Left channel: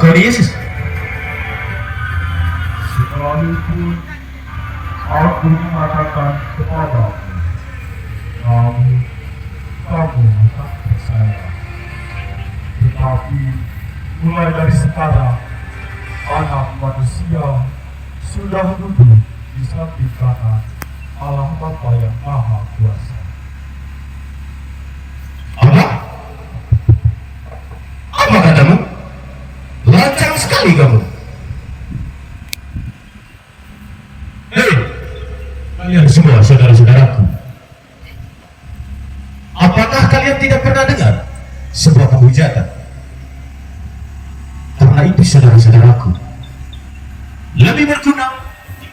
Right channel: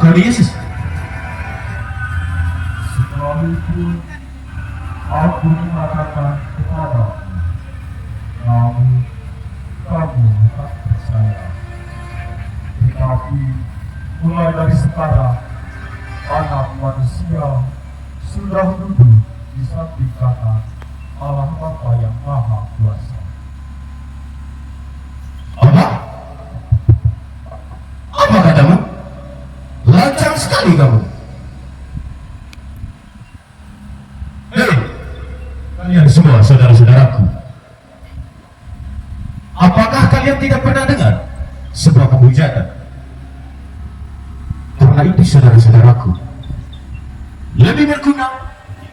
Engkau ni Yesus. Sekalipun aku mengatakan kepadamu, namun kamu tak percaya. Tetapi mulai dari sekarang, Anak Manusia sudah duduk di samping kanan Allah Bapa yang Maha Kuasa. Apa? Apa katamu? Lancang sekali kamu. Hei, kalian semua saudara-saudaraku. Apakah kalian tidak pernah dengar sebuah pemujatan? Karena itu saudara-saudaraku, lebih berguna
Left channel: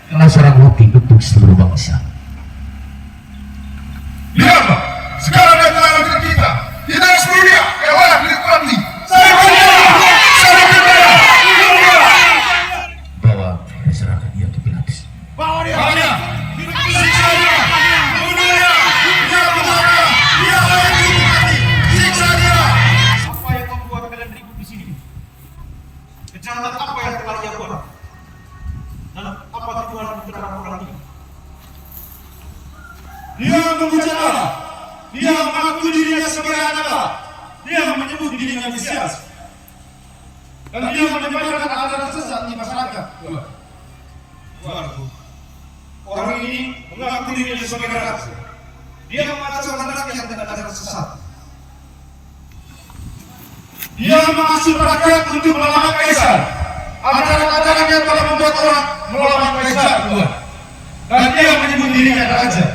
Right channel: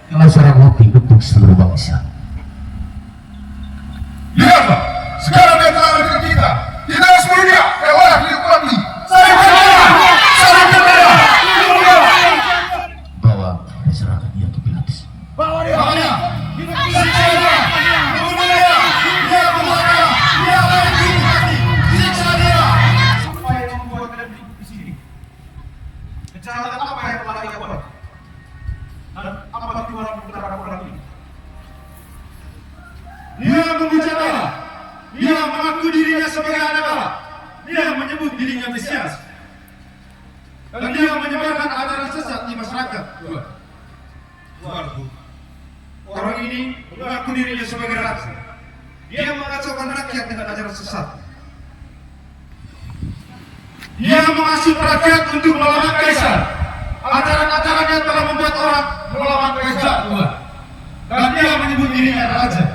kalau seorang roti untuk seluruh bangsa. Lihatlah, sekarang dia telah dengan kita. Kita harus mulia, oleh dinikmati. Saya berkata, Bawa dan serahkan dia ke Pilatus. bawa dia. Siksa dia. Bunuh dia. Dia berkata, dia layak dinikmati. Siksa dia. Apa yang membuat kalian ribut di sini? Kejahatan apa yang telah ia buat? Dan apa tujuan terhadap orang ini? Dia memuja Allah. Dia mengaku dirinya sebagai anak Allah. Dia menyebut dirinya Mesias. Dan dia menyebarkan ajaran sesat di masyarakat. Tuanku, orang ini mengaku dirinya sebagai raja. Dia mengacaukan rakyat dengan ajaran sesat. Dia mengasuh rakyat untuk melawan kaisar. Ajaran-ajarannya telah membuat orang melawan kaisar. Dan dia menyebut dirinya raja.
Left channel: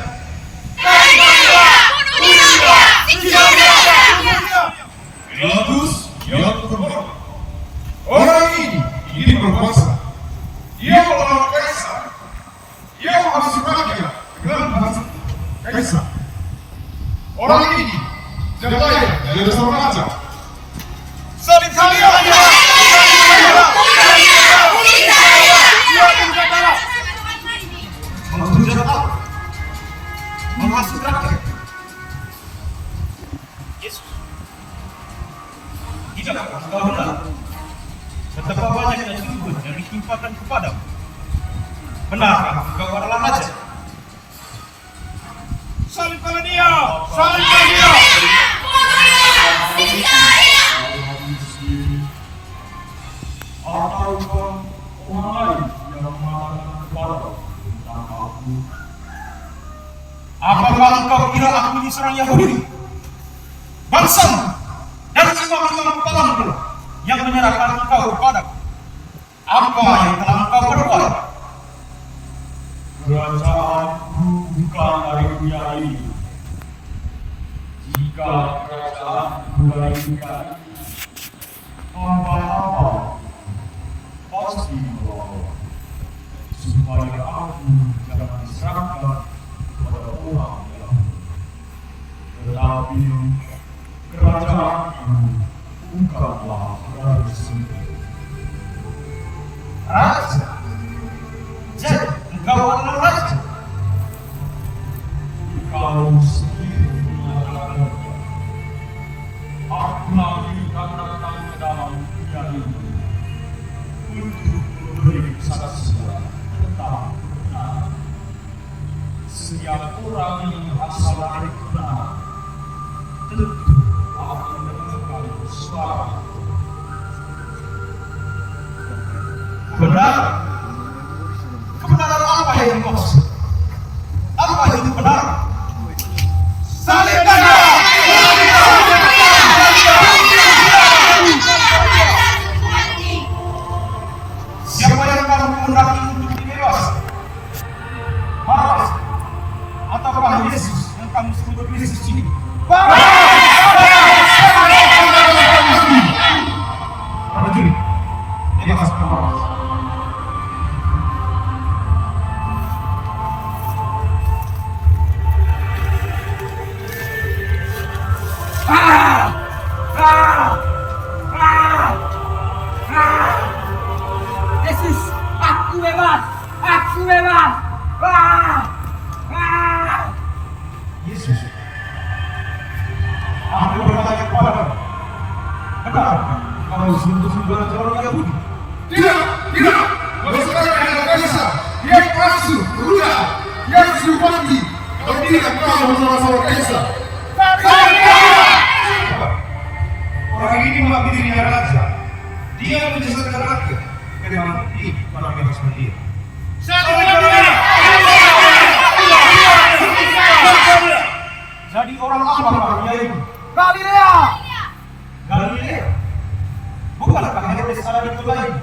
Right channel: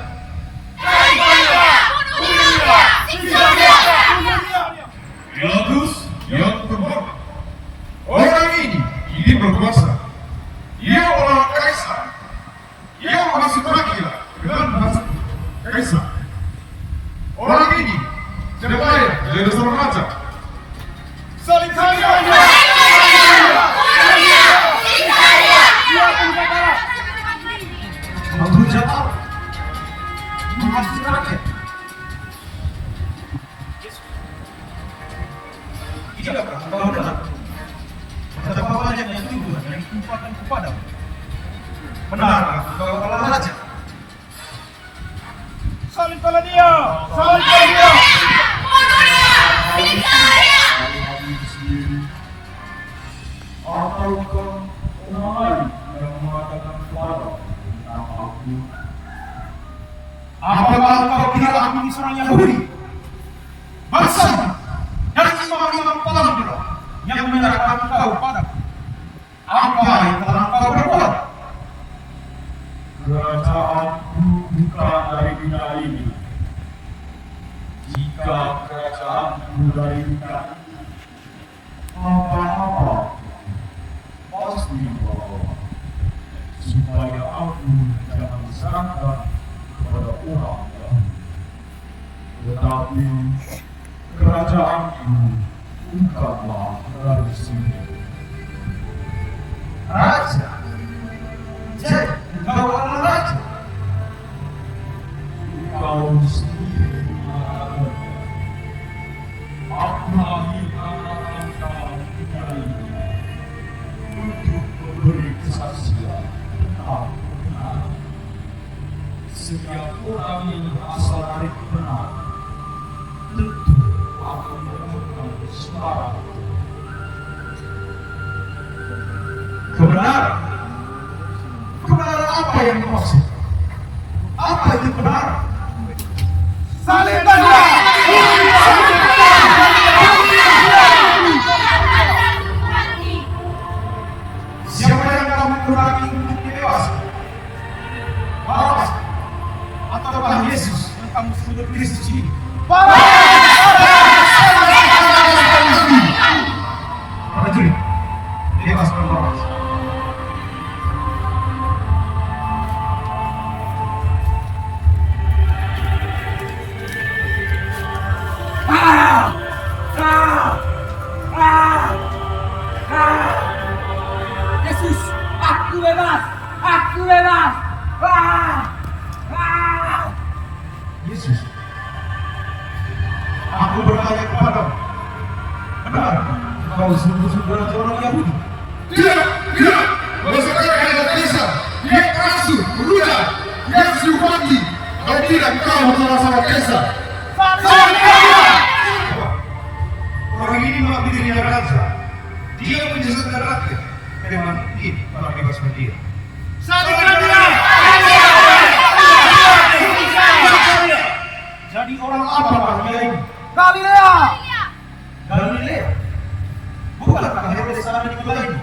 Pilatus yang terhormat. Orang ini berkuasa. Dia melawan kaisar. Dia mengasuh rakyat dengan bahasa kaisar. Orang ini tidak layak jadi seorang raja. Salib dia! Menghujat Allah. Mengasuh rakyat. Yesus, tidakkah kau benar? Betapa banyak yang tuduhan yang ditimpakan kepadamu. Benarkah kau adalah raja? Salibkanlah dia! Salibkanlah dia! Ataukah orang yang mengatakan kepadamu tentang aku? Apakah engkau kira aku ini seorang Yahudi? Bangsa dari imam-imam kepala pula yang menyerahkan engkau kepadaku. Apa yang telah engkau perbuat? Kerajaanku bukan dari dunia ini. Jika kerajaanku dari dunia ini, apa-apa pasti dibawa, supaya aku jangan diserahkan kepada orang Yahudi. Tetapi kerajaanku bukanlah dari sini. Raja? Jadi engkau adalah raja? Kau sendiri mengatakan, aku lagi akan dalam dunia ini untuk memberi kesaksian tentang kebenaran. Setiap orang yang berasal dari kebenaran tentu akan menemukan suara. Kebenaran? Kebenaran apa yang kau maksud? Apa itu kebenaran? Salibkan dia! Siapa yang akan mengurangi untuk dewasa? Barabbas ataukah Yesus yang kamu sebut Kristus ini? Prajurit, bebaskan Barabbas. Yesus, aku bebas, aku bebas. Yesus, aku bertanya kepadamu, benar kau sungguh-sungguh adalah orang Yahudi? Orang ini mengambil dirinya raja. Dia menyesatkan rakyat. Memang ini para bebas dia. Jadi orang apa namanya ini? Galilea. Galilea. Bukankah Herodes salah dikota ini?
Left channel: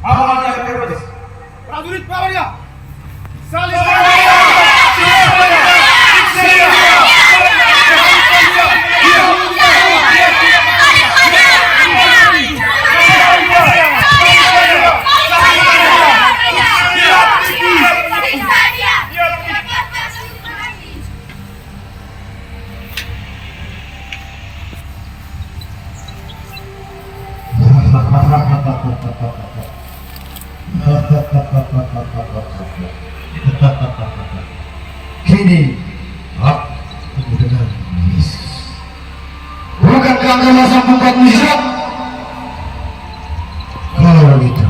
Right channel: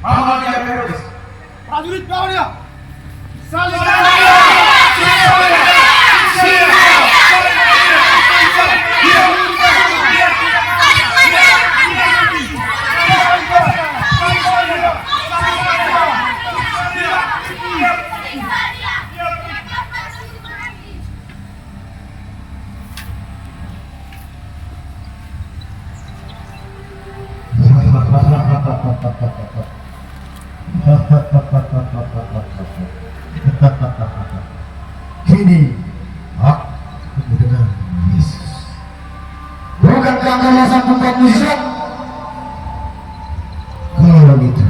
Apa dia Herodes? Prajurit bawa dia. Salib. Kini aku mendengar Yesus. Bukankah engkau sang pembuat mujizat? Kalau itu,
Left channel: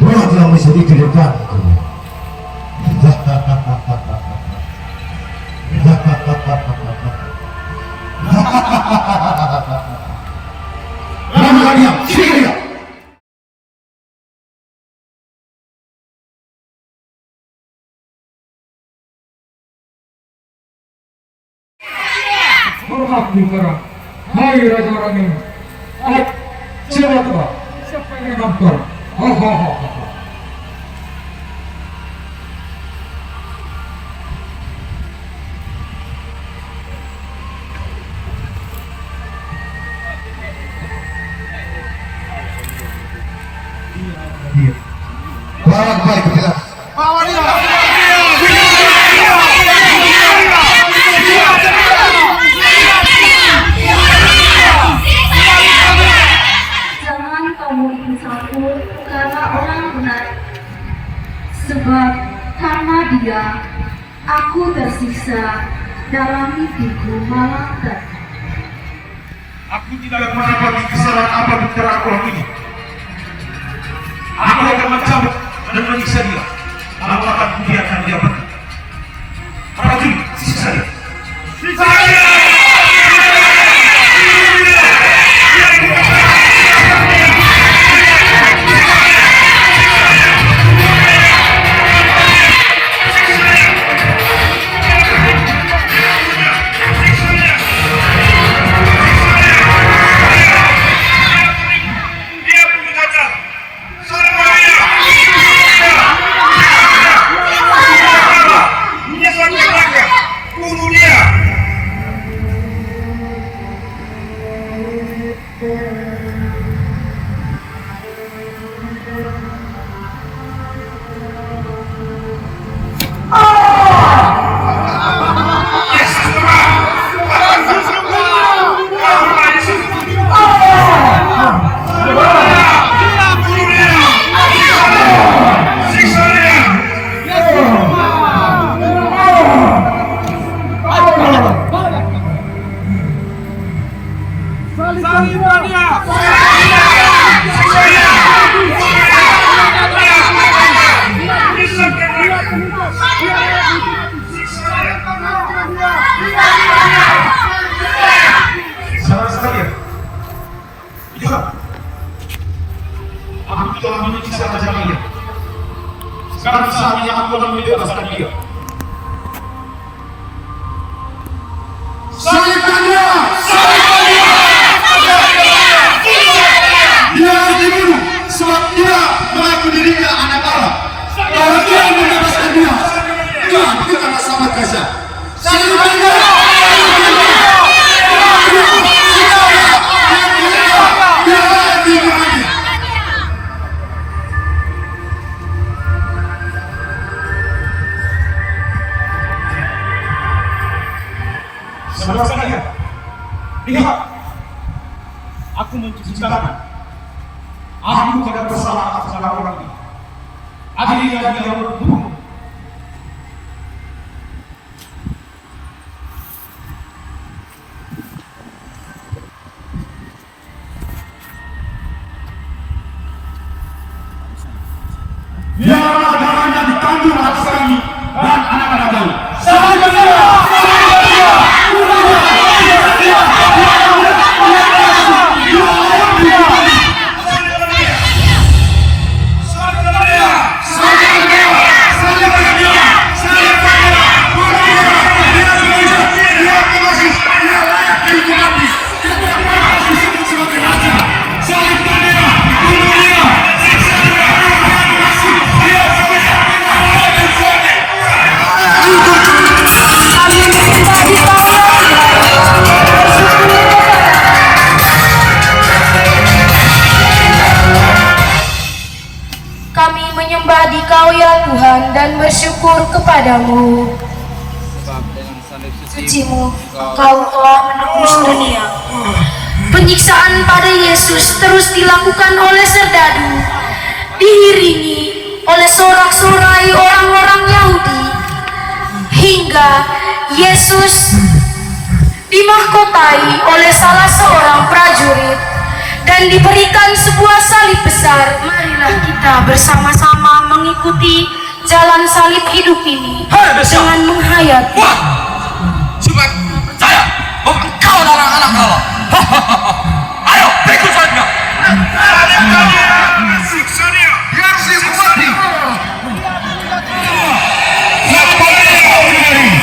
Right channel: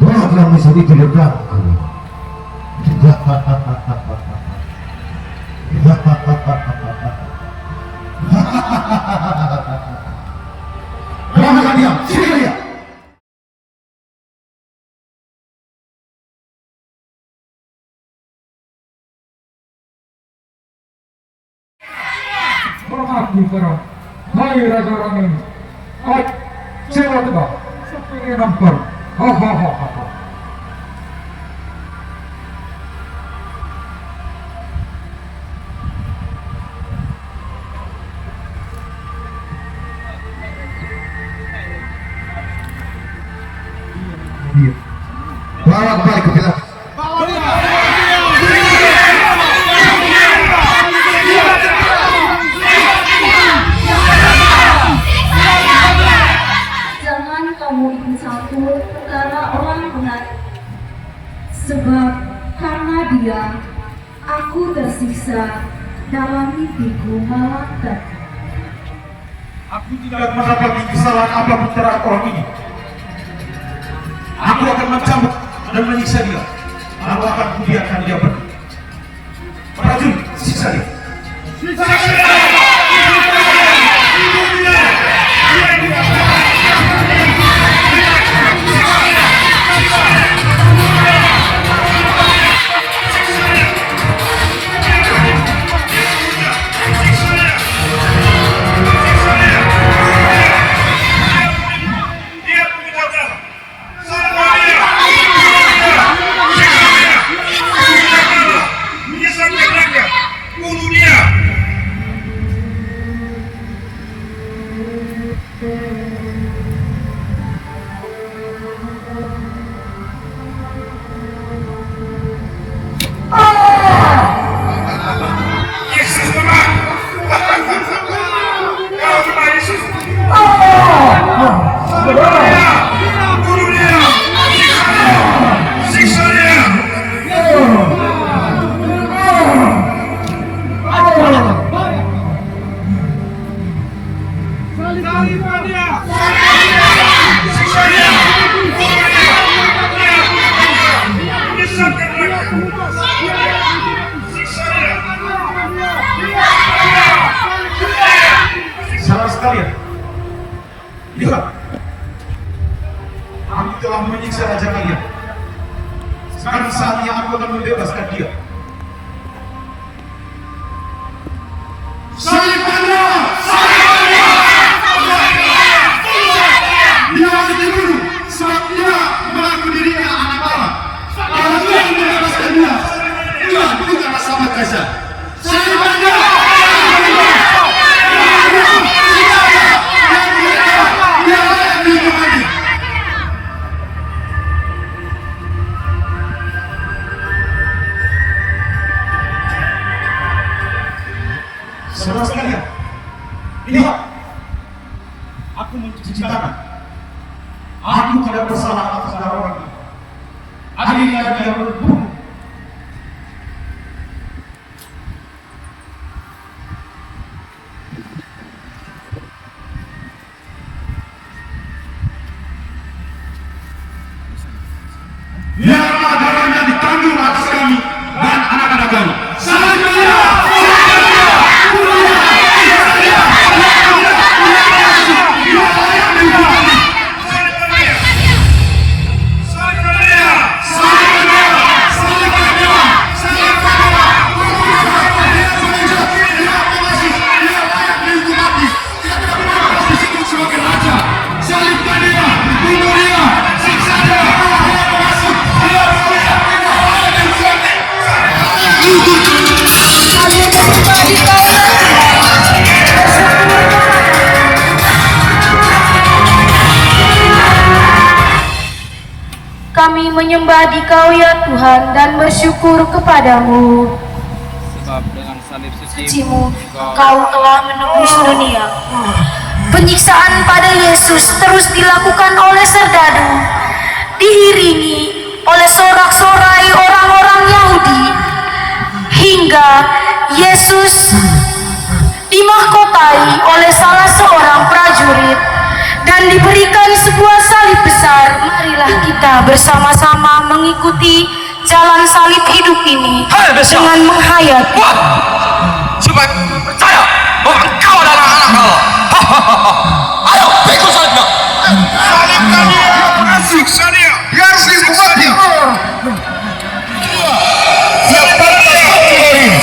buatlah mujizat itu di depanku. Lama diam, sini dia. Hormat sekarang, hai raja orang ini. Cepat pak, siapa yang nampar? Bawa kembali ke Pilatus. Jangan kamu ikut campur karena orang benar. Sebab karena dia, aku tersiksa dalam mimpiku malam tadi. Aku tidak mendapati kesalahan apapun terhadap orang ini. Aku akan mencabut dan menyiksa dia. Aku akan membiarkan dia pergi. Prajurit, siksa dia. Salah sekali. Lihat. Aku telah menyiksa raja kalian. Sekarang saatnya aku akan membebaskan dia. Salibkan dia! Salibkan dia! Dia harus dibunuh sebab dia mengaku dirinya anak Allah. Kalau dia membebaskan dia, dia bukanlah sahabat Kaisar. Salibkan dia! Saudara sekalian, lihat, aku mencuci tangan. Aku tidak bersalah atas orang ini. Adilnya dia berbunuh. Biarlah darahnya ditanggung atas kami dan anak-anak kami. Salibkan dia! Salibkan dia! menyembah Dikau ya Tuhan dan bersyukur kepadamu. Sebab dengan salib Sucimu, Engkau telah menebus dunia. Penyiksaan pada Yesus terus dilakukan oleh serdadu, diiringi oleh sorak-sorai orang-orang Yahudi, hingga Yesus dimahkotai oleh salah seorang prajurit dan diberikan sebuah salib besar. Marilah kita bersama-sama mengikuti jalan salib hidup ini dengan menghayati. Supaya percaya bahwa engkau adalah anak Allah. Ayo, pikul salibnya. Salibkan dia, siksa dia, biar dihukum mati. Dia pantas menjadi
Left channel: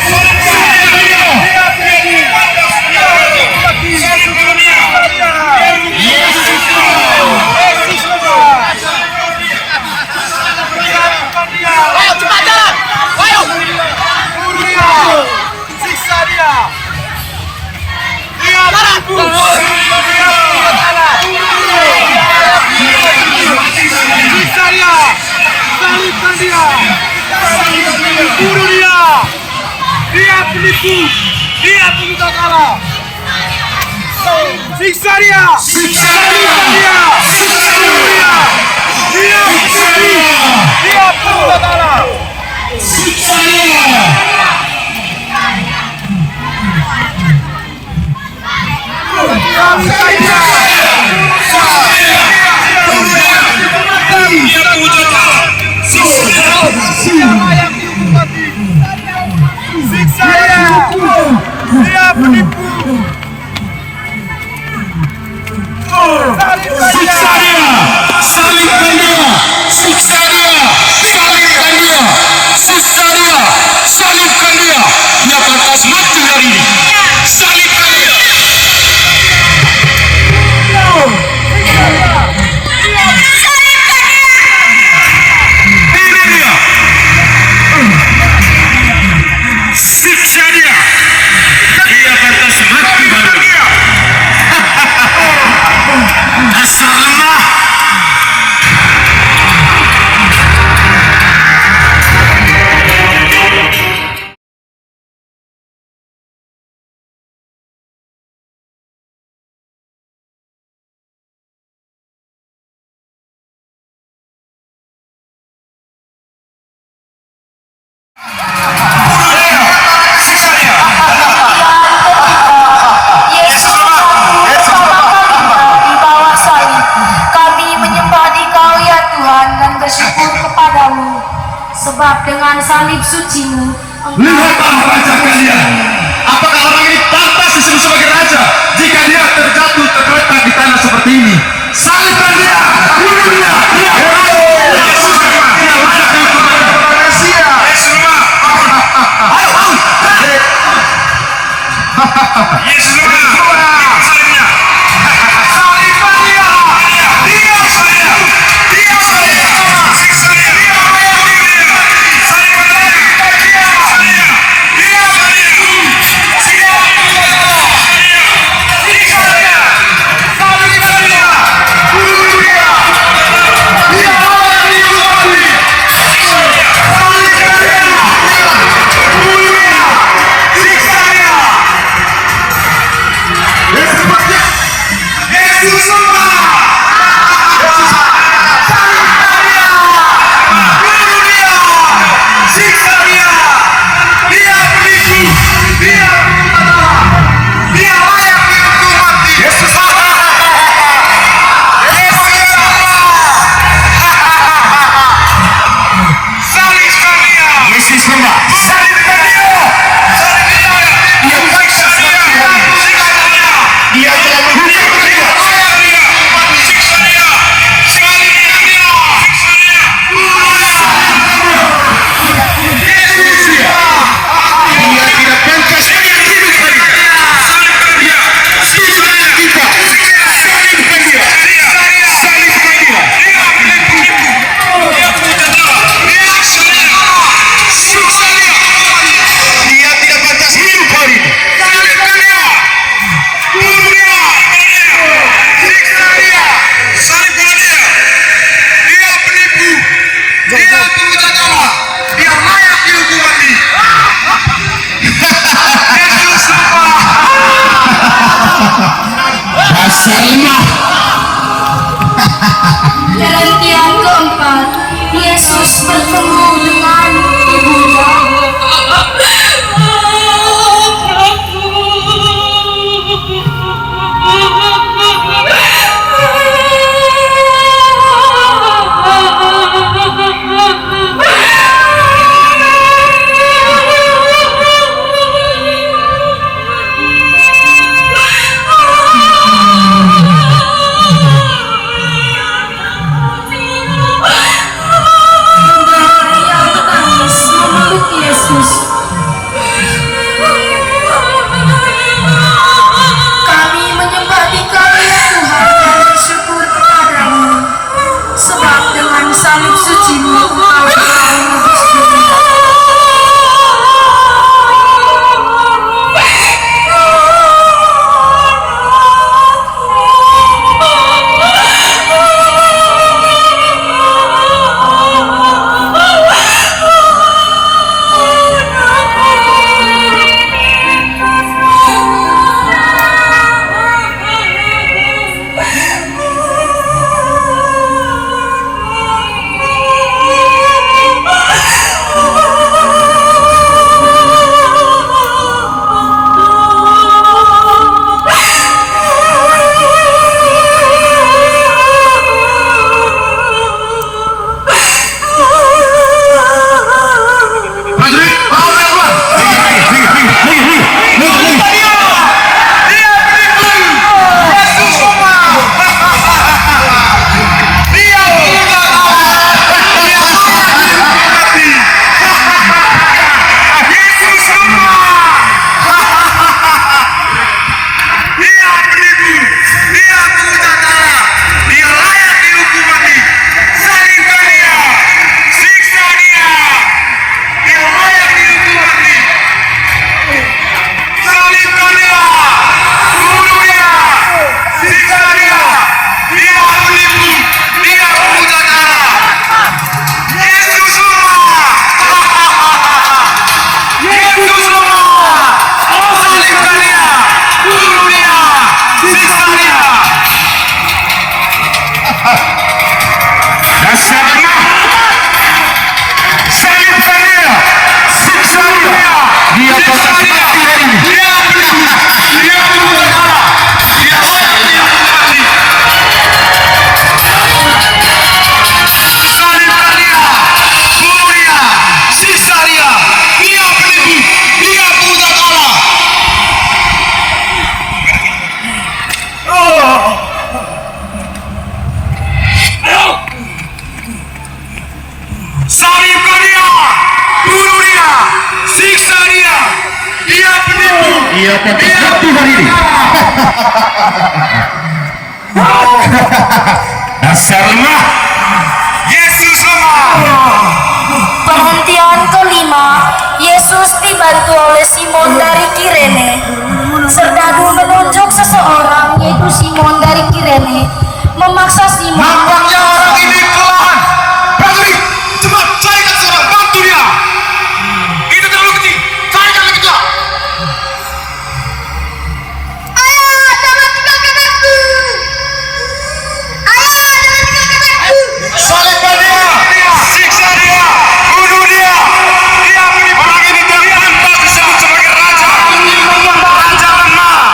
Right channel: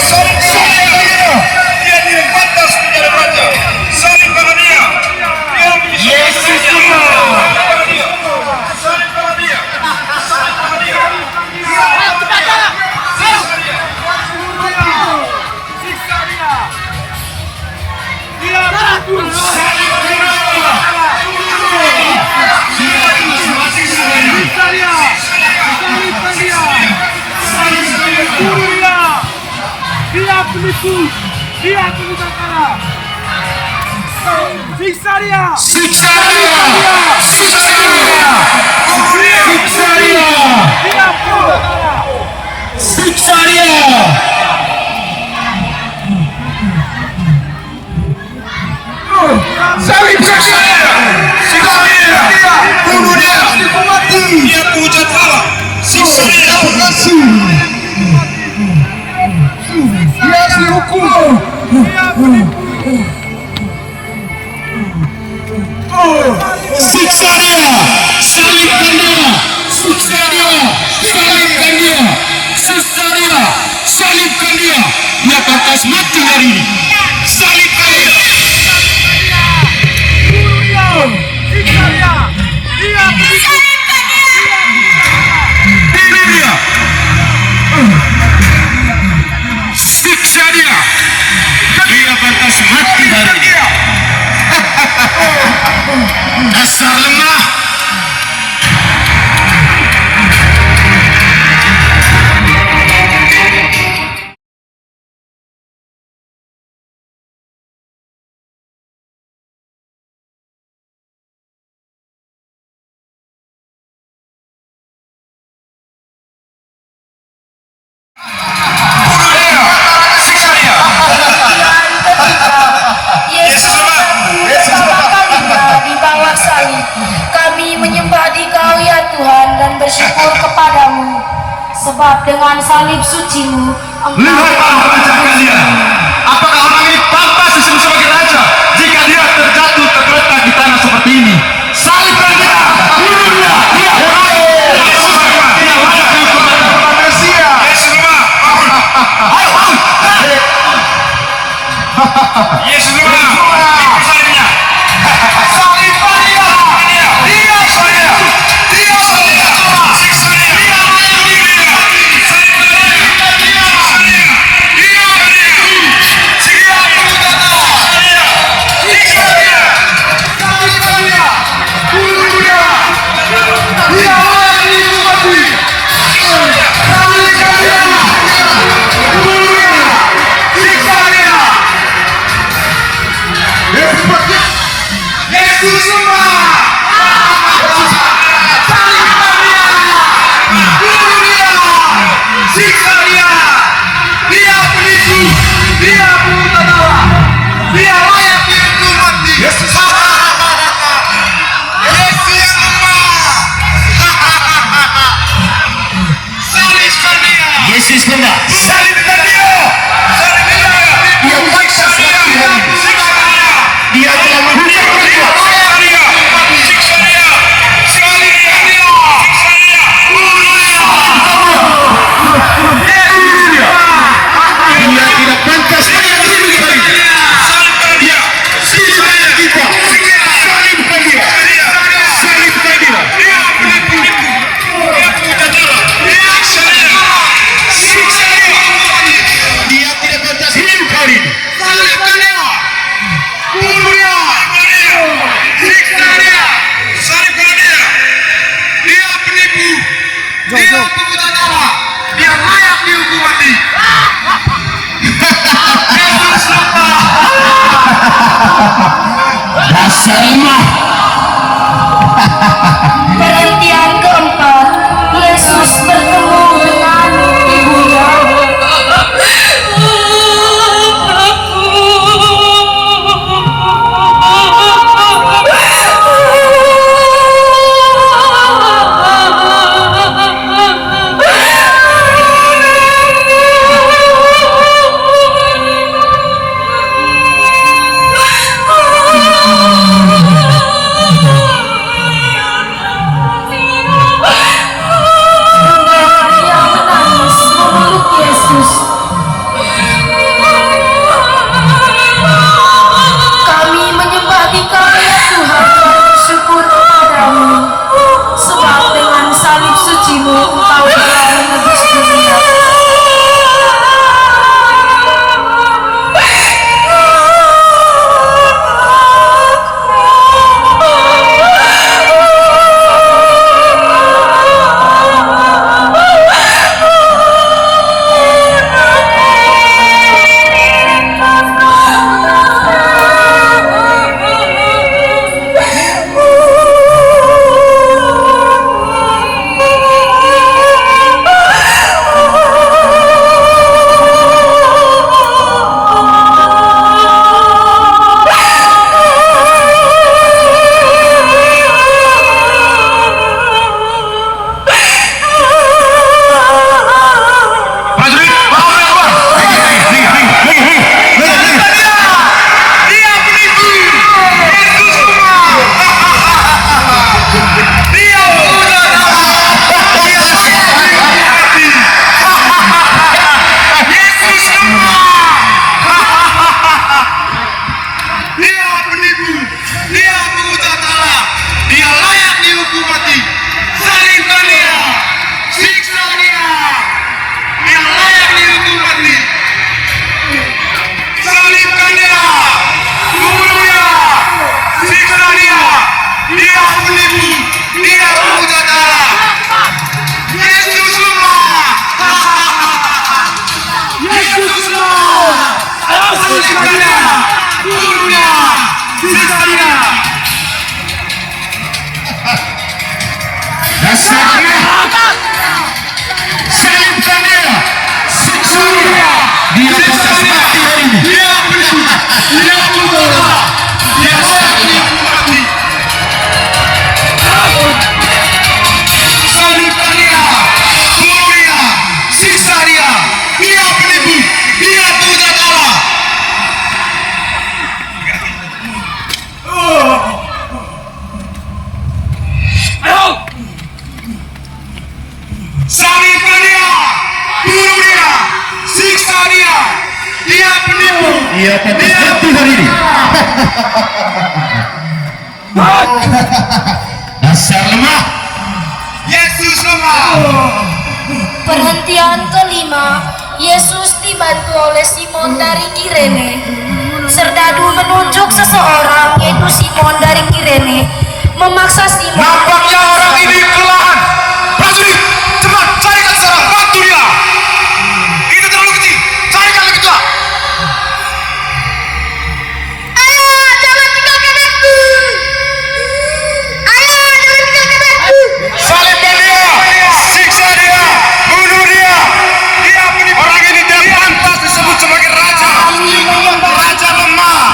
Dia pantas menjadi raja. Salibkan dia. Yesus. Ayo, cepat jalan. Ayo. Siksa dia. Dia Jalan. Siksa dia. Salibkan dia. Bunuh dia. Dia penipu. Dia peminta kalah. Siksa dia. Siksa dia. Siksa dia. Siksa dia. Dia peminta kalah. Siksa dia. Dia puja Allah. Siksa dia. Siksa dia. Dia penipu. Siksa dia. Salibkan dia. Siksa dia. Salibkan dia. Siksa dia. Salibkan dia. Dia pantas mati hari ini. Salibkan dia. Siksa dia. Ini dia. Siksa dia. Dia pantas mati hari ini. Dasar lemah. Yesus pertama kalinya di bawah salib, kami menyembah Dikau ya Tuhan dan bersyukur kepadamu. Sebab dengan salib sucimu, Lihatlah raja kalian. Apakah orang ini pantas disebut sebagai raja jika dia terjatuh tergeletak di tanah seperti ini? Salibkan dia. Bunuh dia. Dia Yesus. Dia layak dihukum manusia. Yesus Ayo, ayo. Yesus ikut salibnya. Salibkan dia. Dia salibnya. Dia salibnya. Siksa dia. Dia salibkan dia. Siksa dia. Dia salibnya. Siksa dia. Siksa dia. Salibkan dia. Bunuh dia. Dia layak dihukum mati. Salibkan dia. Bunuh dia. Siksa dia. Yesus sembah. Salibkan dia. Bunuh dia. Siksa dia. Dia penipu. Dia peminta kalah. Dia layak dihukum mati. Yesus sembah. Yesus sembah. Salibkan dia. Yesus sembah. Salibkan dia. Salibkan dia. Dia Siksa dia. Siksa dia. Dia telah menghukum Siksa dia. Dasar lemah. Perhentian keempat, Yesus bertemu dengan ibunya. Kami menyembah Dikau ya Tuhan dan bersyukur kepadamu, sebab dengan salib suci-Mu Engkau telah menebus dunia. Salibkan dia, bunuh dia, siksa dia. Dia penipu. Ia pantas mati hari ini. Dasar lemah. Yesus lemah. Perhentian kelima, Yesus dibantu oleh Simon dari Kirene. Serdadu menunjuk seseorang, yaitu Simon dari Kirene, memaksa Simon. Nampaknya orang ini kelelahan. Prajurit, cepat carikan seorang, bantu dia. Itu terlalu kecil, carikan lebih tua. Ayah, jangan tinggalkan aku. Ayah, jangan tinggalkan aku. Salibkan dia, siksa dia, bunuh dia. Dia penipu. Orang ini tidak pantas disebut sebagai raja. Raja lemah.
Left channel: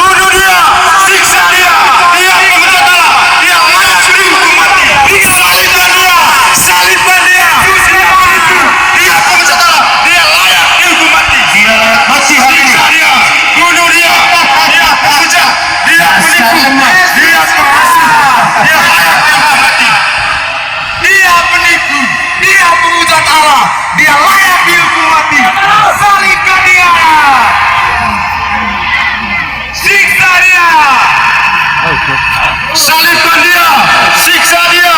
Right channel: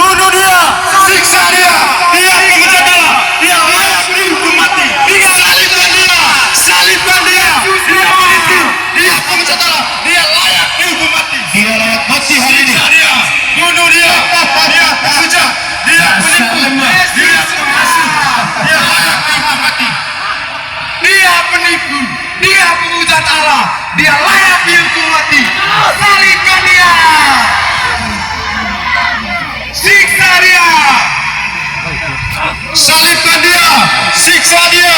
Bunuh dia, siksa dia. Dia pengecut Allah. Dia layak dihukum mati. Salibkan dia, salibkan dia. Dia penipu. Dia pengecut Allah. Dia layak dihukum mati. Dia layak mati hari ini. Siksa dia, bunuh dia. Dia pengecut. Dia penipu. Dia pengasih. Dia layak dihukum mati. Dia penipu, dia penghujat Allah, dia layak dihukum mati. Salibkan dia, siksa dia, salibkan dia, siksa dia,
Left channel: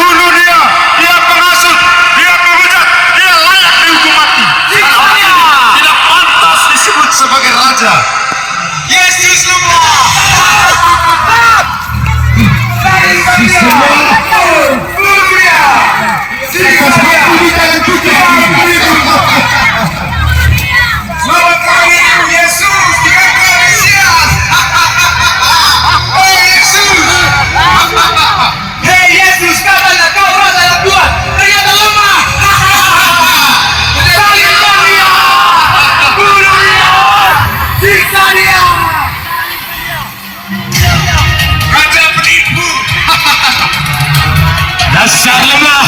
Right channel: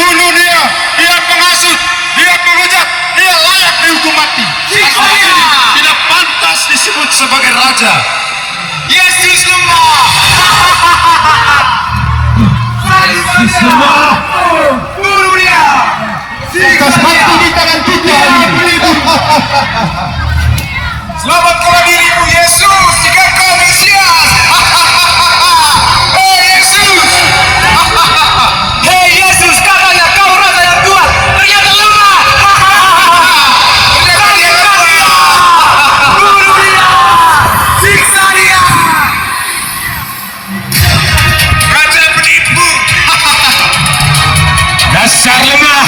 bunuh dia. Dia penghasut, dia penghujat, dia layak dihukum mati. Siksa dia, tidak pantas disebut sebagai raja. Yesus lemah. Salibkan dia. Bunuh dia. Selamatkan dirimu Yesus, jika kau Mesias. Dasar lemah.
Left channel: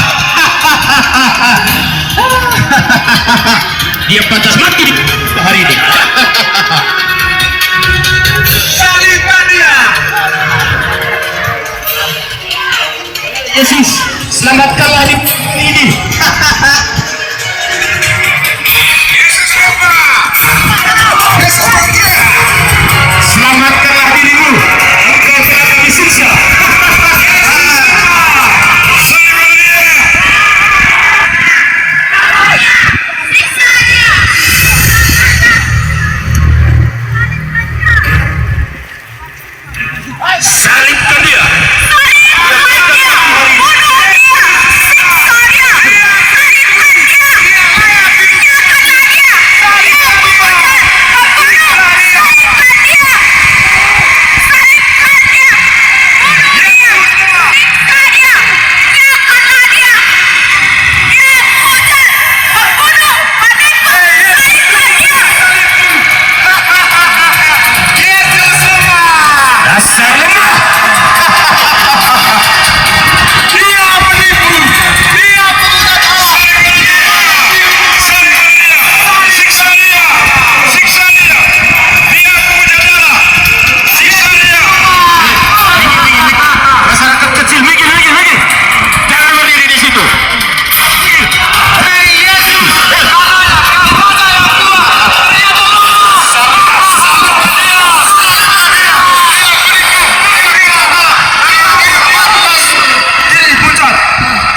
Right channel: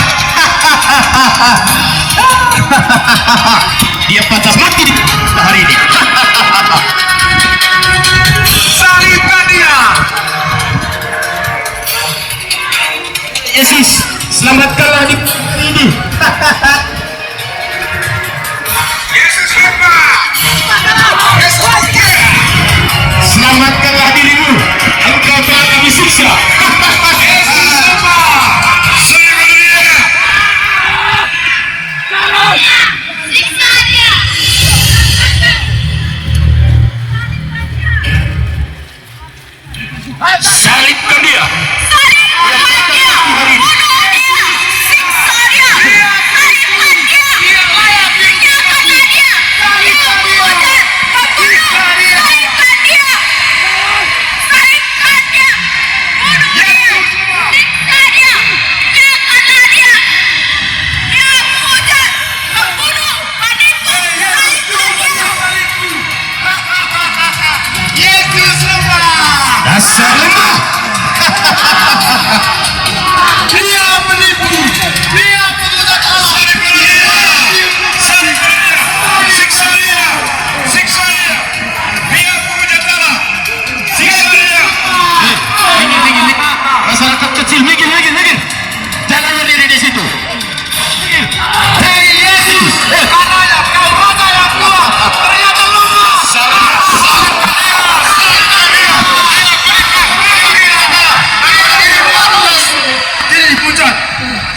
Dia pantas mati di hari ini. Salibkan dia. Yesus, selamatkanlah di ini. Yesus apa? Yesus apa? Selamatkanlah dirimu. Engkau telah kami siksa. Yesus apa? Salibkan dia. Salibkan dia. Dasar lemah. Dia penipu. Dia pengusaha. Siksa dia. Siksa dia. Dia pemuja darah. Siksa dia. Minggir. Masyarakat kecil, minggir. Jangan berdiri di situ. Hei Yesus.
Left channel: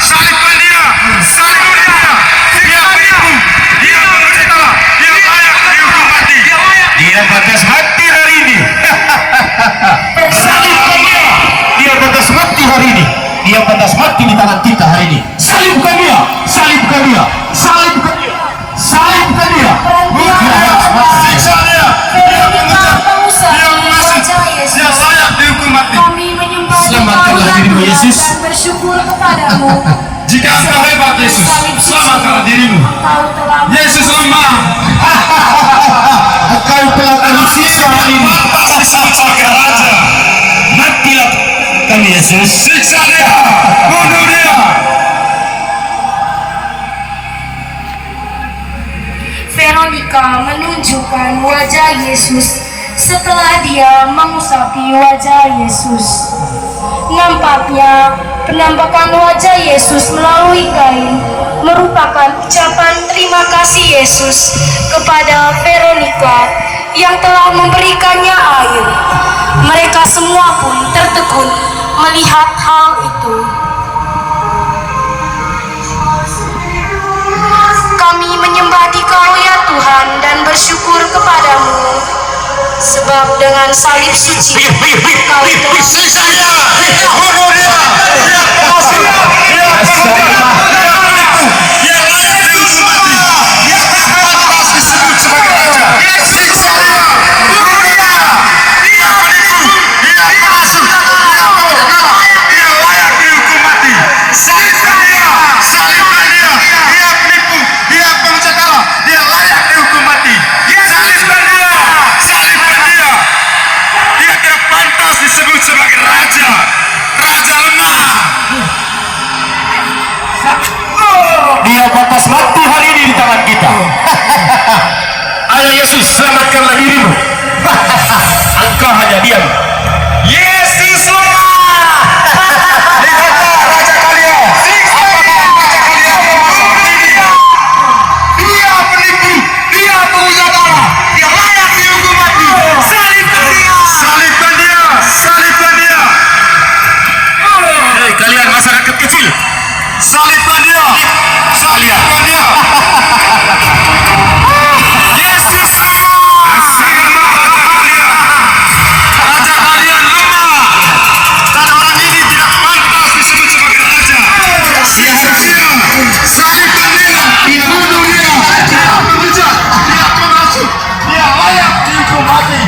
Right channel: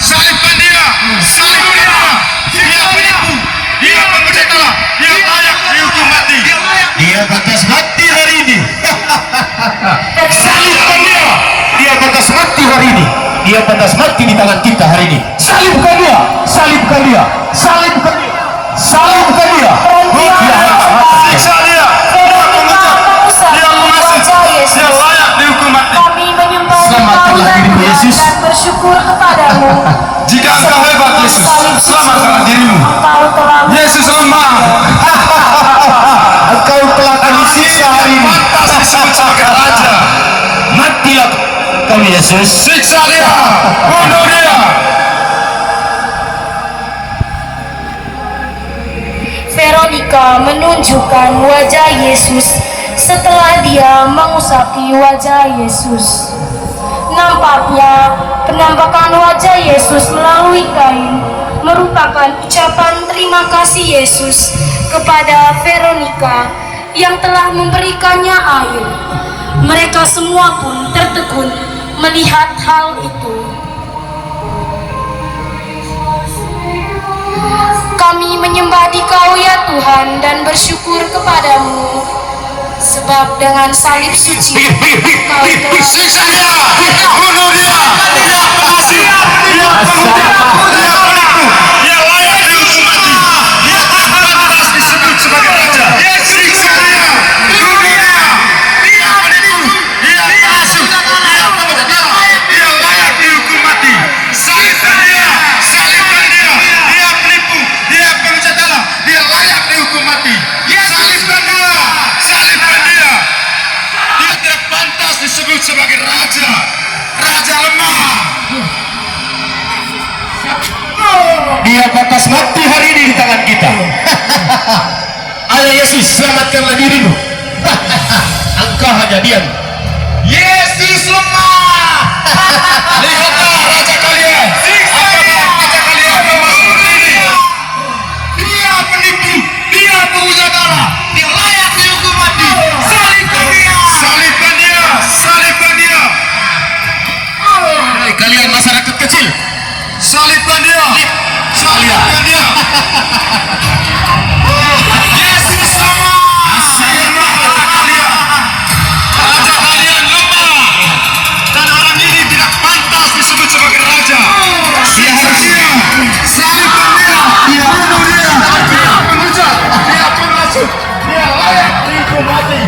Salibkan dia. Salibkan dia. Dia penipu. Dia pemuja darah. Dia layak dihukum mati. Dia pantas mati hari ini. Salibkan dia. Dia pantas mati hari ini. Dia pantas mati di tangan kita hari ini. Salibkan dia. Salibkan dia. Salibkan dia. Salibkan dia. Dia harus mati. Siksa dia. Dia pemuja. Dia munafik. Dia layak dihukum mati. Kami menyembah Selamatkanlah dirimu, Yesus. dan bersyukur kepadamu. Jika engkau hebat Yesus, selamatkanlah dirimu. Engkau telah Yesus lemah. Engkau telah kami siksa hari ini. Pantas disebut sebagai raja. Matilah kami Yesus. Siksa dia. Bunuh dia. Veronica menunjukkan wajah Yesus setelah dia mengusapi wajah Yesus. Nampaknya penampakan wajah Yesus melalui kain merupakan ucapan terima kasih Yesus kepada Veronica yang telah memberikannya air. Mereka semua pun tertegun melihat hal itu. Kami menyembah Dikau ya Tuhan dan bersyukur kepadamu, sebab dengan salib suci Kau telah Siksa dia. Bunuh dia. Dia pengasih. Dia pemuja. Dia penipu. Dia layak dihukum mati. Dia pantas disebut sebagai raja. Siksa dia. Bunuh dia. Dia penipu. Dia pengasih. Dia pemuja. Dia layak dihukum mati. Salibkan dia. Salibkan dia. Dia penipu. Dia pemuja darah. Dia layak dihukum mati. Salibkan dia. Salibkan dia. Dia tidak pantas disebut sebagai raja. Raja lemah. Dia pantas mati hari ini di tangan kita. Ayo Yesus, selamatkanlah dirimu. Engkau hanya diam. Yesus lemah. Lihatlah raja kalian. Apakah raja kalian seperti ini? Dia penipu. Dia pemuja darah. Dia layak dihukum mati. Salibkan dia. Salibkan dia. Salibkan dia. Hei kalian masyarakat kecil, Salibkan dia. Salibkan dia. Yesus lemah. Raja kalian lemah. Dan orang ini tidak pantas disebut sebagai raja. Siksa dia. Salibkan dia. Bunuh dia. Dia penghujat. Dia pengasut. Dia layak dihukum mati.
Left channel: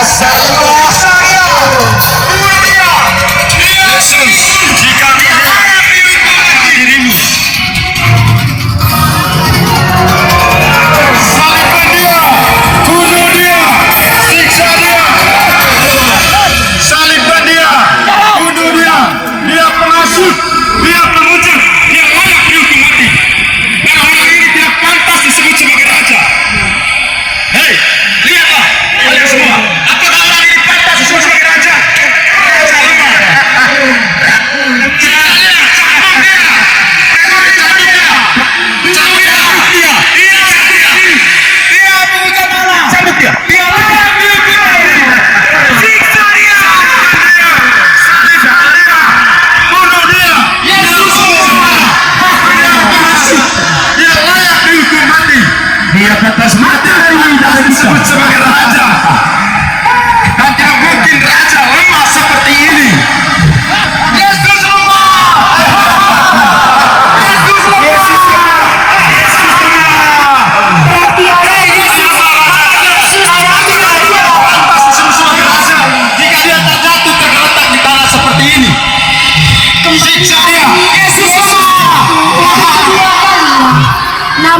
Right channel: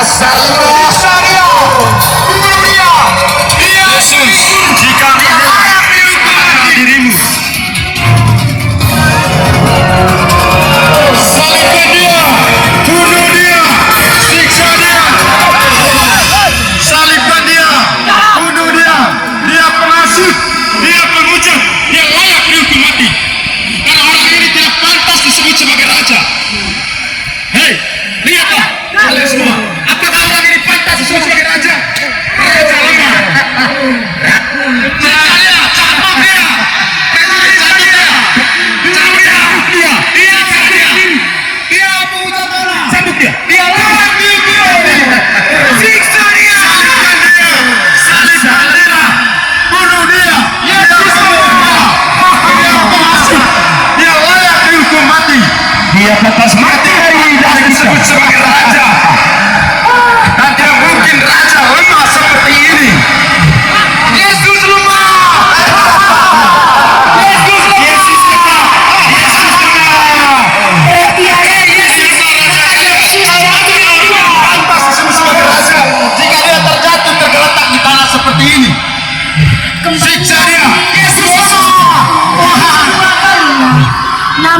asal Siksa dia. Bunuh dia. Dia Yesus. Jika dia layak dihukum mati dirimu. Salibkan dia. Bunuh dia. Siksa dia. Salibkan dia.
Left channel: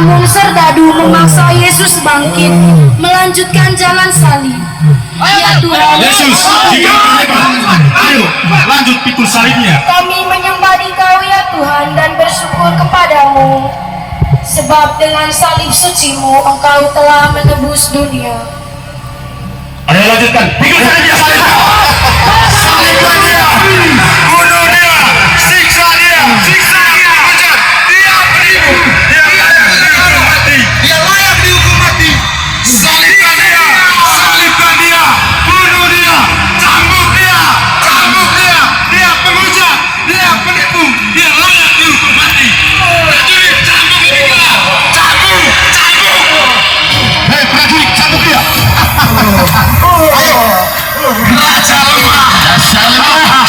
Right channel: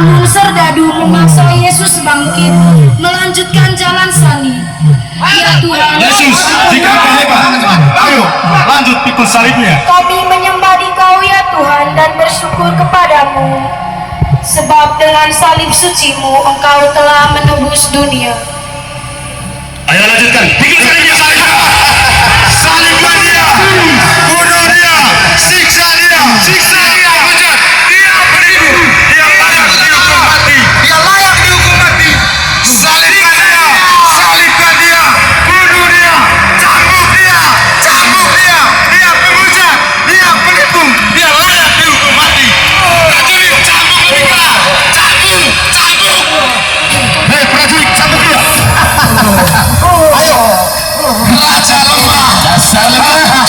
namun serdadu memaksa Yesus bangkit melanjutkan jalan salib. Ya Tuhan, Yesus, jika Engkau hebat, ayo lanjut pikul salibnya. kami menyembah Dikau ya Tuhan dan bersyukur kepadamu, sebab dengan salib sucimu Engkau telah menebus dunia. Ayo lanjutkan pikul salibnya. Salibkan dia, bunuh dia, siksa dia, kejar. Dia penipu, dia layak dihukum mati, salibkan dia, bunuh dia, cambuk dia, dia penghujat, dia penipu, dia layak dihukum mati. Prajurit, cambuk mereka, cambuk. Hei prajurit, cambuk dia. Raja lemah, dasar lemah.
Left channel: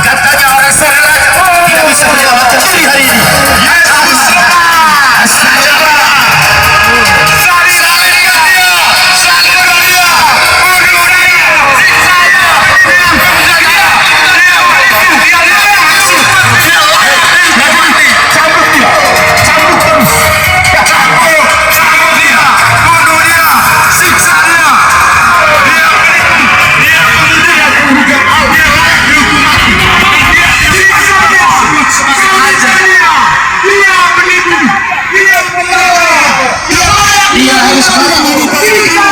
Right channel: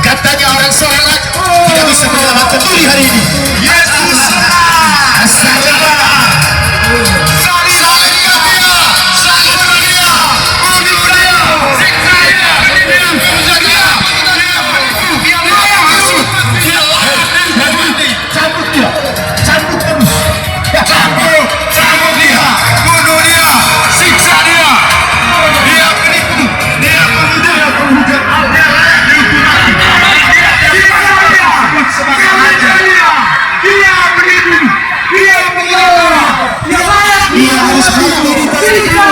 Katanya orang sholat tidak bisa menyelamatkan diri hari ini. Yesus lemah. Salibkan dia, bunuh dia, siksa dia, dia penghujat dia, dia penipu, dia layak dihukum mati. Cambuk dia, cambuk terus. Cambuk dia, bunuh dia, siksa dia. Dia penipu, dia penghujat, dia layak dihukum mati. Dia disebut sebagai raja. Dia penipu, dia penghujat, dia harus bunuh dirimu.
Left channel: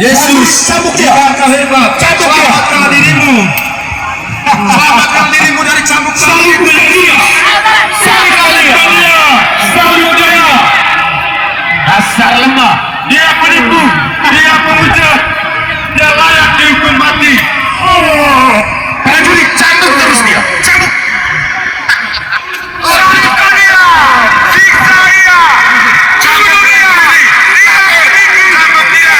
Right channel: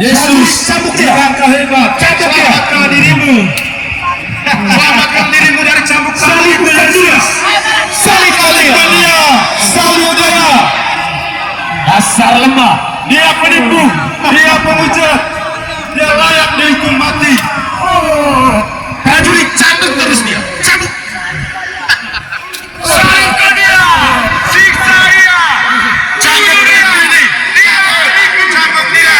Yesus, cambuk dia. Engkau hebat, selamatkanlah dirimu. Selamatkan dirimu dari cambuk salib dia. Salibkan dia. Salib dia. Dasar lemah. Dia penipu. Dia penghujat. Dia layak dihukum mati. Prajurit, cambuk terus dia. Cambuk. Salibkan dia. Siksa dia. Cambuk dia. Dia penipu. Cambuk dia.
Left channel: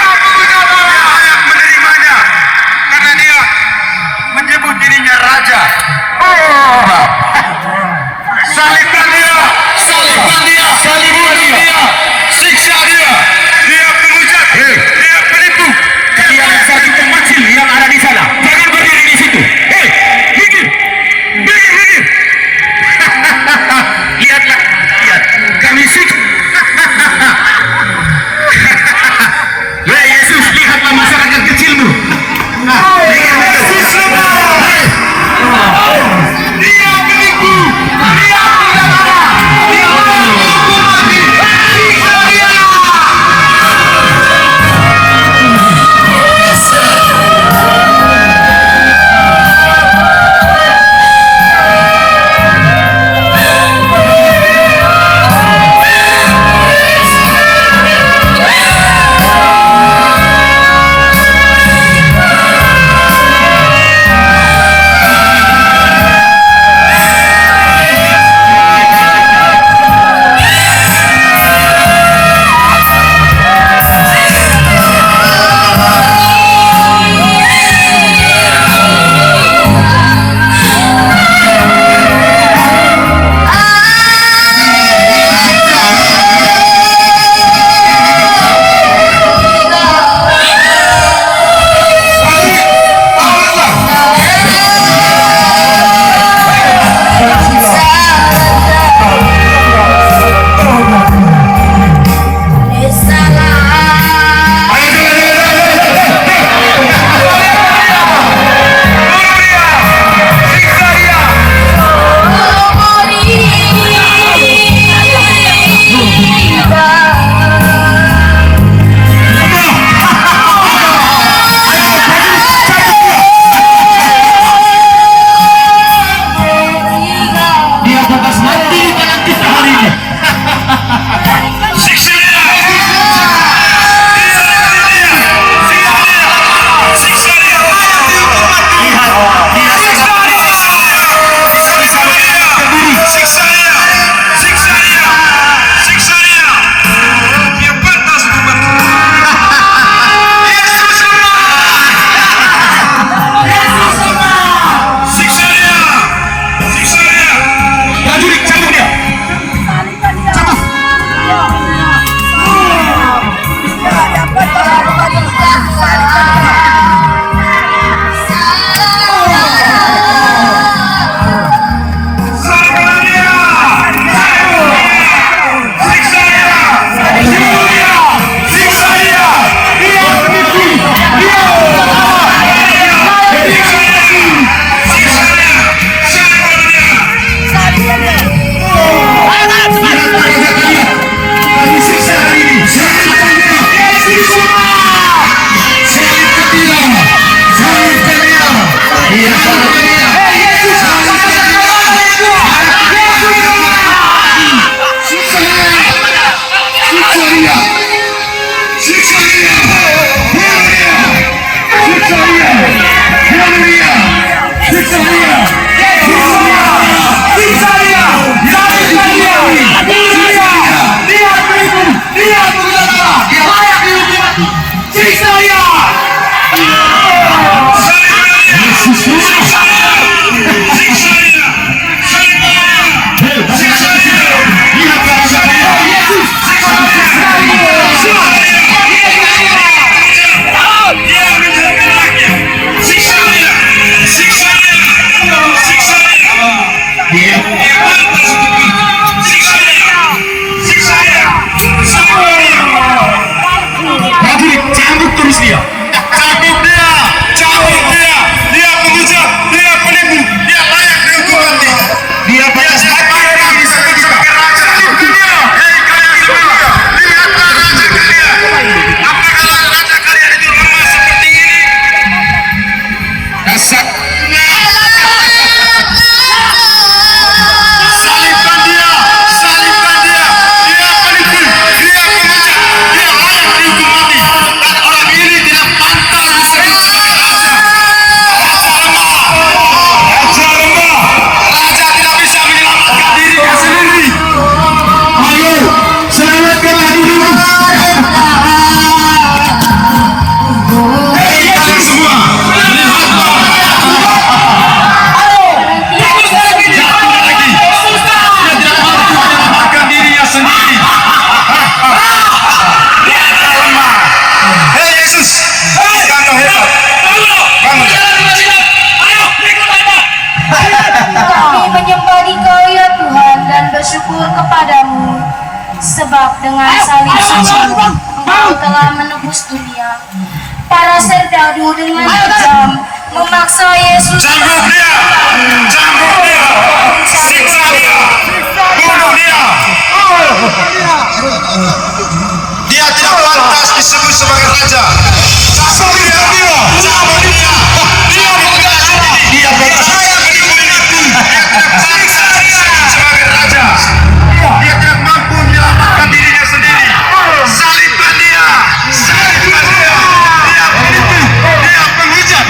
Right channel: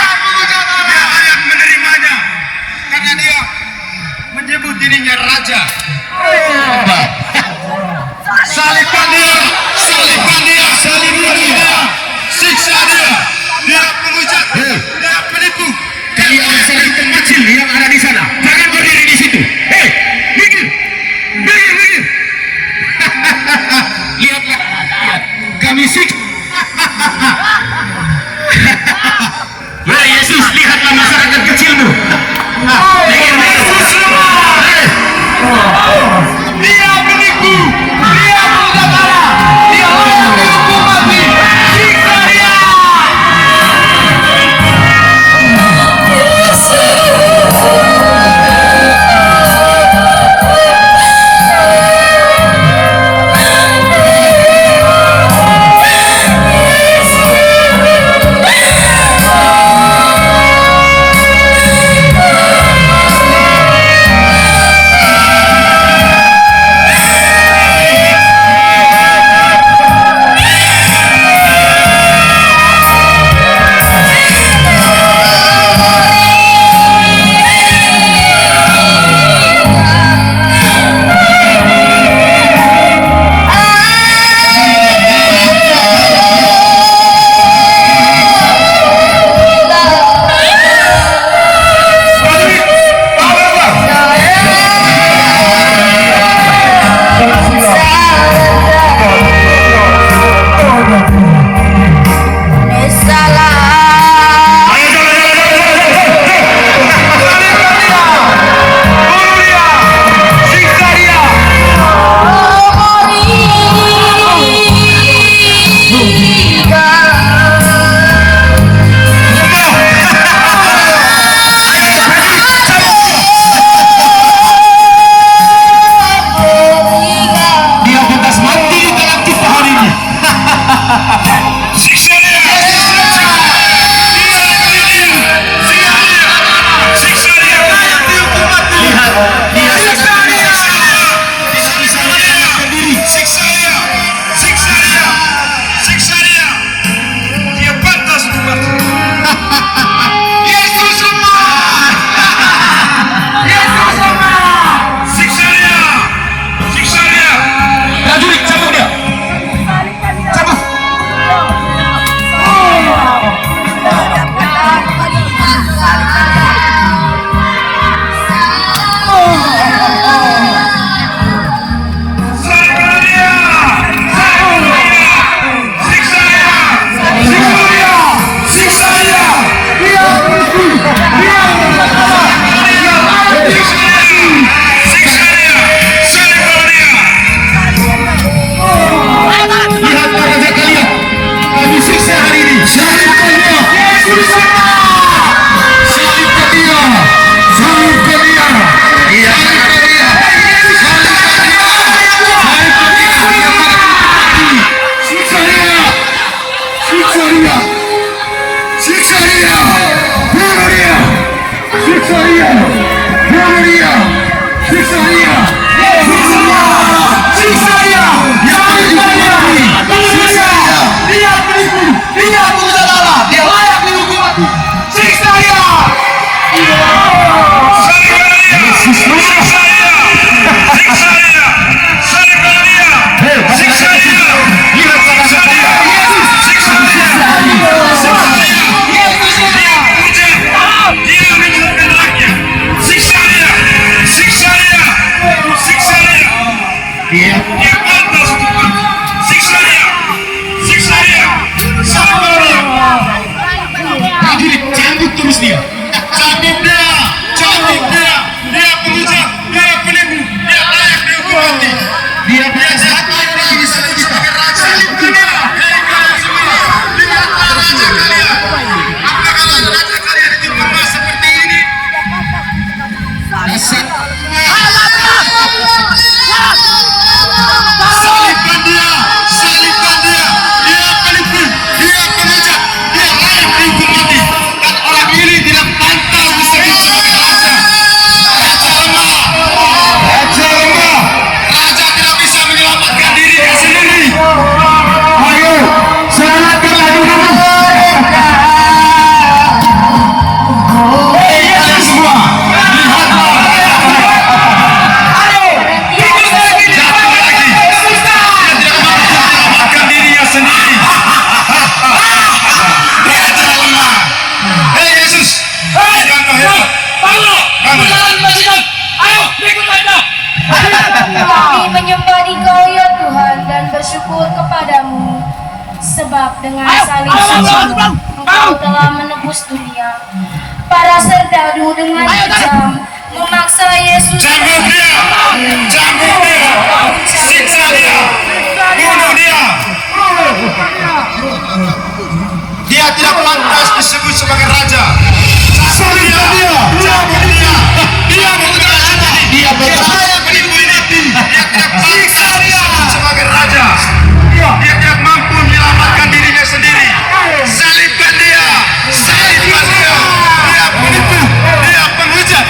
Dia layak menerimanya. Karena dia menyebut dirinya raja. Salibkan dia, siksa dia, dia penghujat, dia penipu. Kalian serbu kecil yang ada di sana, jangan berdiri di situ. Hei, minggir. Lihatlah, kami siksa. Hei Yesus, lihatlah masyarakat kecilmu. Yesus lemah. Dia penipu. Dia penjara. Dia layak dihukum mati. Siksa dia. Siksa dia! Siksa dia! Bunuh dia! Siksa dia! Bunuh dia! Siksa dia! Siksa dia! Salibkan dia! Siksa dia! Dia penipu! Dia tidak salah! Dia layak dihukum mati! Siksa dia! Yesus Kristus! Siksa dia! Siksa dia! Lihat wajah dia! Siksa dia! Siksa dia! Dia yang menjelek-jeleknya! Siksa dia! Siksa dia! Siksa dia! Dia pantas untuk mati! Siksa dia! Siksa dia! Salibkan dia! Prajurit, cambuk terus dia! Cambuk dia! Cambuk dia! Dia penghujat! Dia penipu! Dia layak dihukum mati! Dia biasa lagi sebagai raja! Salibkan dia! Lihatlah raja kalian! Apakah raja kalian itu lemah seperti ini? Dasar! Salibkan dia! Salibkan dia! Dia penipu! Dia penghujat! Dia layak dihukum mati! Dan orang ini tidak pantas disebut sebagai raja! Raja lemah! Raja lemah! Raja tidak bisa menyelamatkan dirinya sendiri! Ayo! Selamatkanlah dirimu! Hei kalian semua! Lihatlah! Jatuh lagi! Dia tidak mampu menyelamatkan dirinya sendiri! Raja lemah! Hei Yesus! Kamu hebat! Kami menyembah Dikau ya Tuhan dan bersyukur kepadamu, sebab dengan salib suci-Mu Engkau telah menebus dunia. Para serdadu dengan kejam memaksa Yesus. Cambuk dia! Cambuk dia! Siksa dia! Bunuh dia! Dia tidak pantas disebut sebagai raja! Cambuk dia! Cambuk dia! Dia bukan sendiri! Dia berbahaya menipu ini! Dia tidak pantas disebut sebagai raja! Dia tidak mampu menyelamatkan dirinya sendiri! Salibkan dia! Salibkan dia! Dia penipu! Dia penghujat!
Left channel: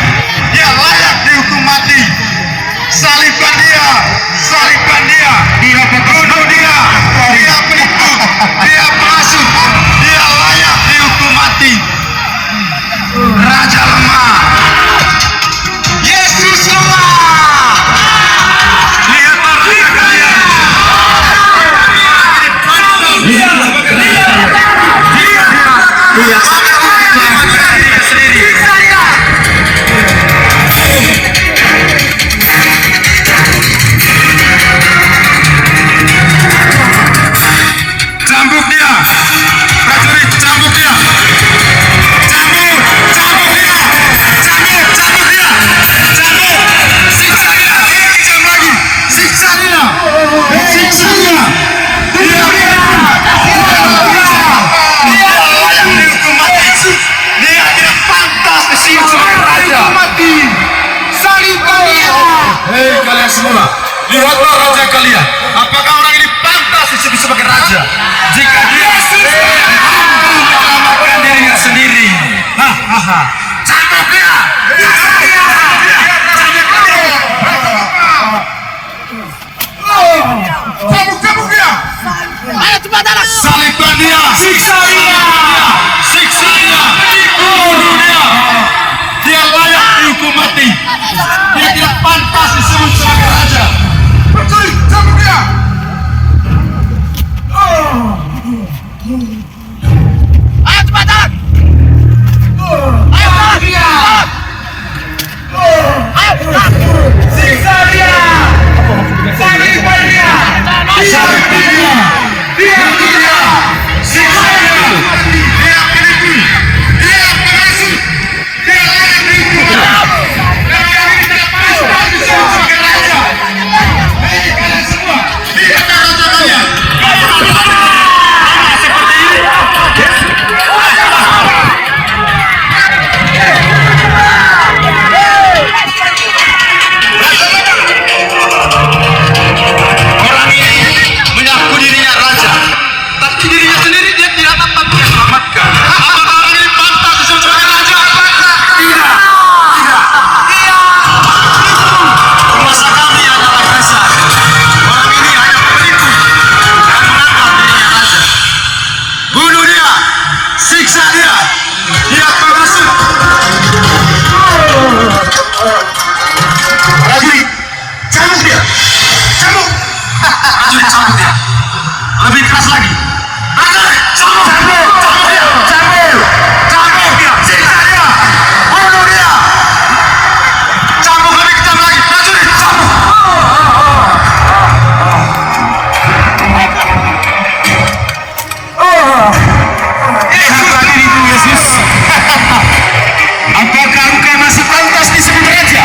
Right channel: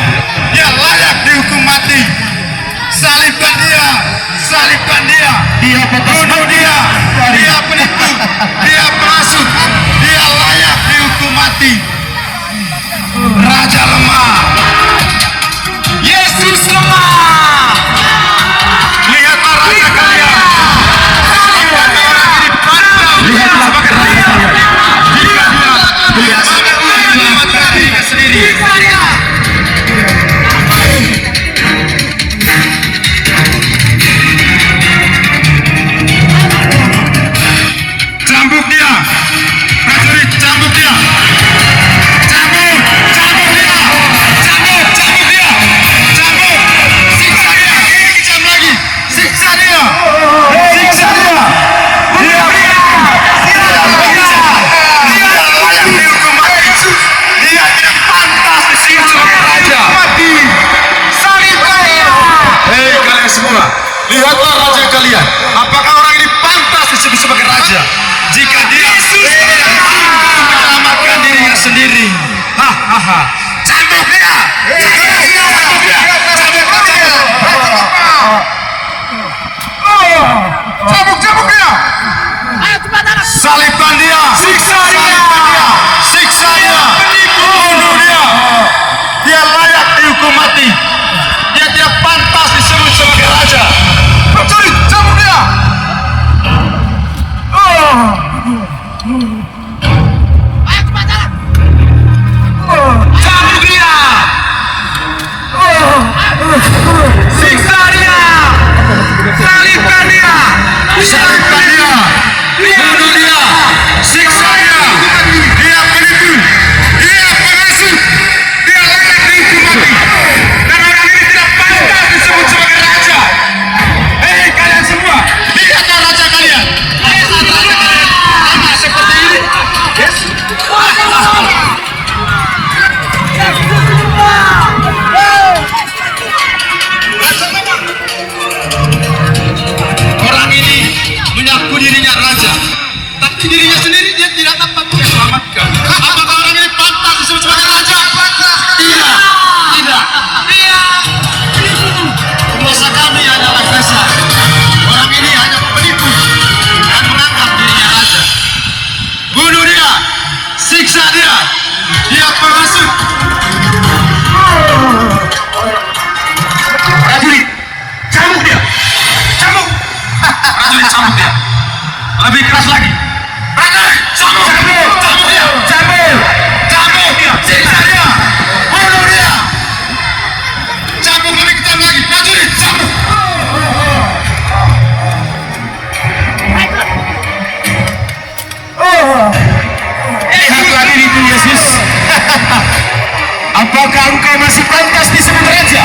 Dia layak dihukum mati! Salibkan dia! Salibkan dia! Dia bunuh dia! Dia penipu! Dia penghasut! Dia layak dihukum mati! Raja lemah! Yesus lemah! Lihatlah raja kalian! Lihatlah sebagai raja kalian! Jika dia sangat menyelamatkan dirinya sendiri! Cambuk dia! Prajurit, cambuk dia! Cambuk! Cambuk dia! Cambuk! Cambuk dia! Cambuk! Siksa dia! Kejam lagi! Siksa dia! Siksa dia! Dia layak dihukum mati! Dia tidak pantas disebut sebagai raja! Mati! Salibkan dia! Hei kalian semua! Lihatlah raja kalian! Apakah orang ini pantas disebut sebagai raja? Jika dia tidak mampu menyelamatkan dirinya sendiri. Hahaha. Cambuk dia! Cambuk dia! Cambuk dia! Salibkan dia! Siksa dia! Siksa dia! Bunuh dia! Dia layak dihukum mati! Dia tidak pantas disebut sebagai raja! Prajurit, cambuk dia! Cambuk dia! Siksa dia! Salibkan dia! Salibkan dia! Bunuh dia! Siksa dia! Dia penipu! Dia penghasut! Dia layak dihukum mati! Dan orang ini tidak pantas disebut sebagai raja! Hei kalian semua! Lihatlah raja kalian! Apakah raja kalian sama seperti ini? Orang ini mengaku dirinya raja, tapi dirinya sendiri dia tidak siksa dia. Dia pengasut. Prajurit, cambuk dia. Cambuk. Prajurit cambuk dia. Lebih keras lagi. Prajurit, cambuk. Cambuk dia. Cambuk. Cambuk dia. Siksa dia. Bunuh dia. Cambuk lebih kejam lagi. Prajurit, cambuk. Lihatlah diriku, Yesus. Apakah engkau masih pantas disebut raja?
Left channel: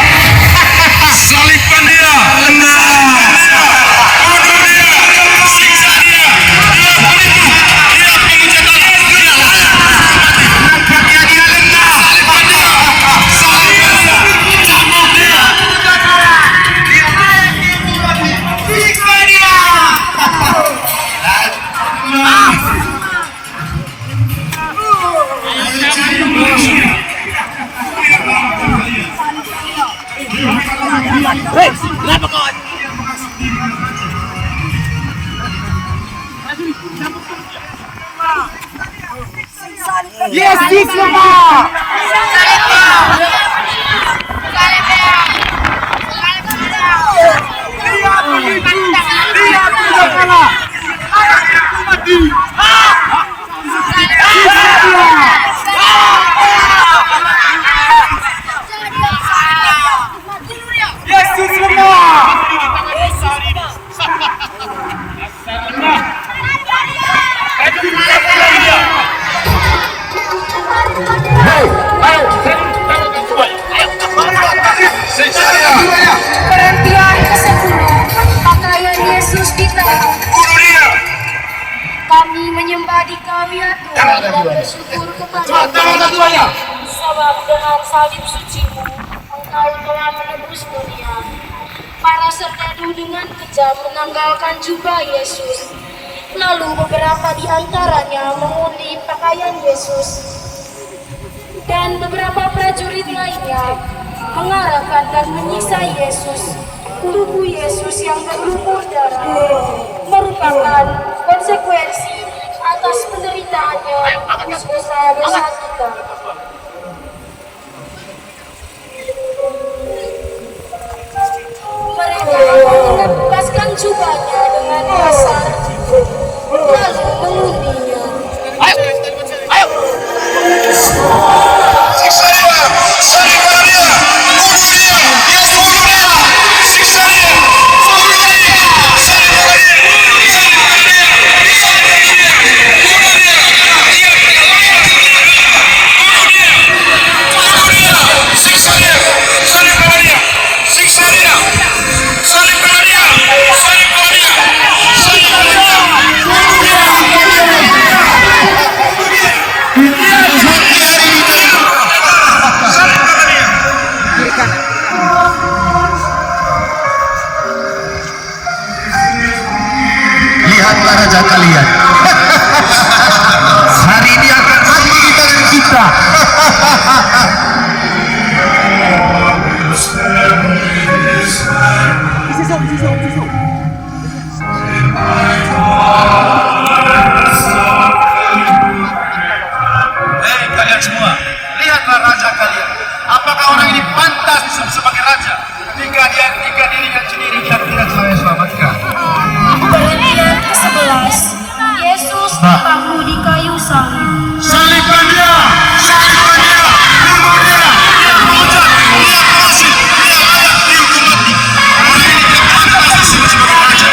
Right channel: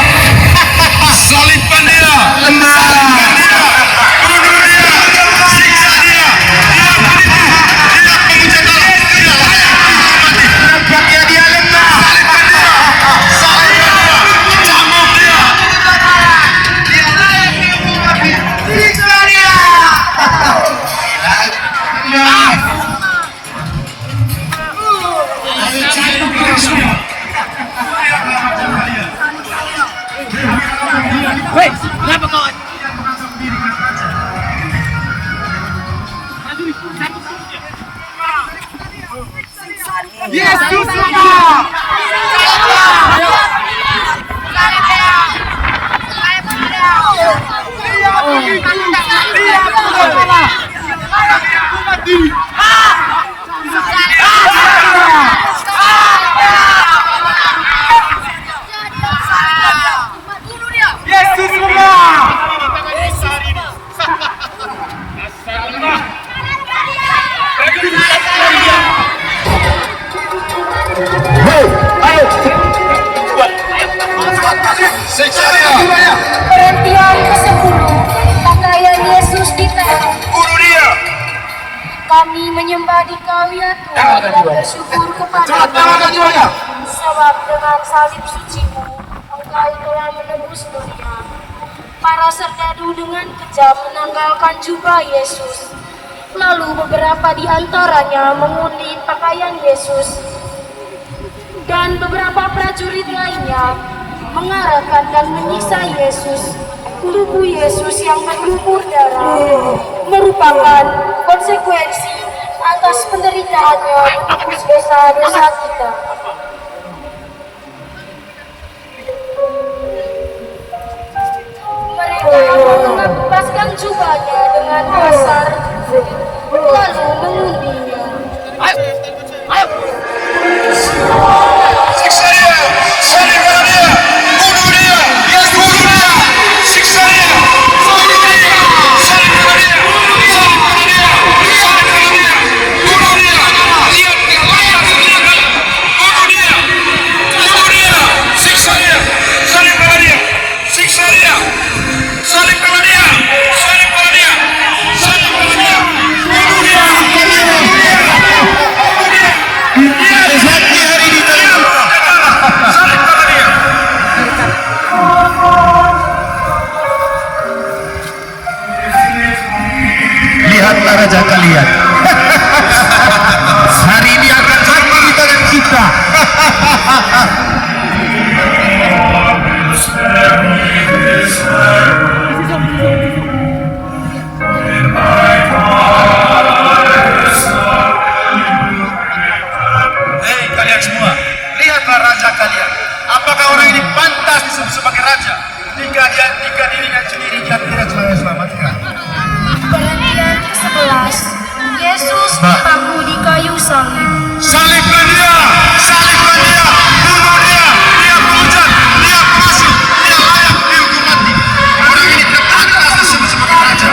Salibkan dia. Salibkan dia. Bunuh dia. Siksa dia. Dia penipu. Dia pemuja Allah. Dia layak mati. Nampaknya dia lemah. Salibkan dia. Salibkan dia. Cambuk dia. Dia layak dihukum mati. Siksa dia. Hei, kenapa kau? Yesus lemah. Perhentian ke-10, pakaian Yesus ditaruh. Kami menyembah di Kau ya Tuhan dan bersyukur kepada-Mu. Sebab dengan salib suci-Mu, Engkau telah menebus dunia. Para serdadu dengan kejam menanggalkan jubah Yesus. Lalu beberapa di antaranya mengundi pakaian Yesus. Dan beberapa prajurit lainnya mengarahkan dan menyiksa Yesus. Tubuh Yesus yang berlumur darah merupakan konsekuensi atas penderitaannya menebus dosa-dosa kita. Mereka mengepaskan jubahnya dengan kasar, lalu mengundinya. Siksa dia. Salibkan dia. Bunuh dia. Bunuh dia. Siksa dia. Bunuh dia. Salibkan dia. Salibkan dia. Salibkan dia. Bunuh dia. Dia tidak layak. Bunuh dia. Bunuh dia. Siksa dia. Salibkan dia. Siksa dia. Salibkan dia. Salibkan dia. Salibkan dia. Bunuh dia. Lihatlah raja kalian. Hari ini akan mati di tangan kita. Hei kalian semua, lihatlah raja kalian. Apakah orang ini pantas disebut sebagai raja? Jika dirinya sendiri dia tidak selamatkan. Perhentian ke-11, Yesus dipaku di kayu salib. Salibkan dia, salibkan dia, bunuh dia, dia penghujat, dia pengasut, dia layak dihukum mati. Orang ini tidak pantas disebut sebagai raja.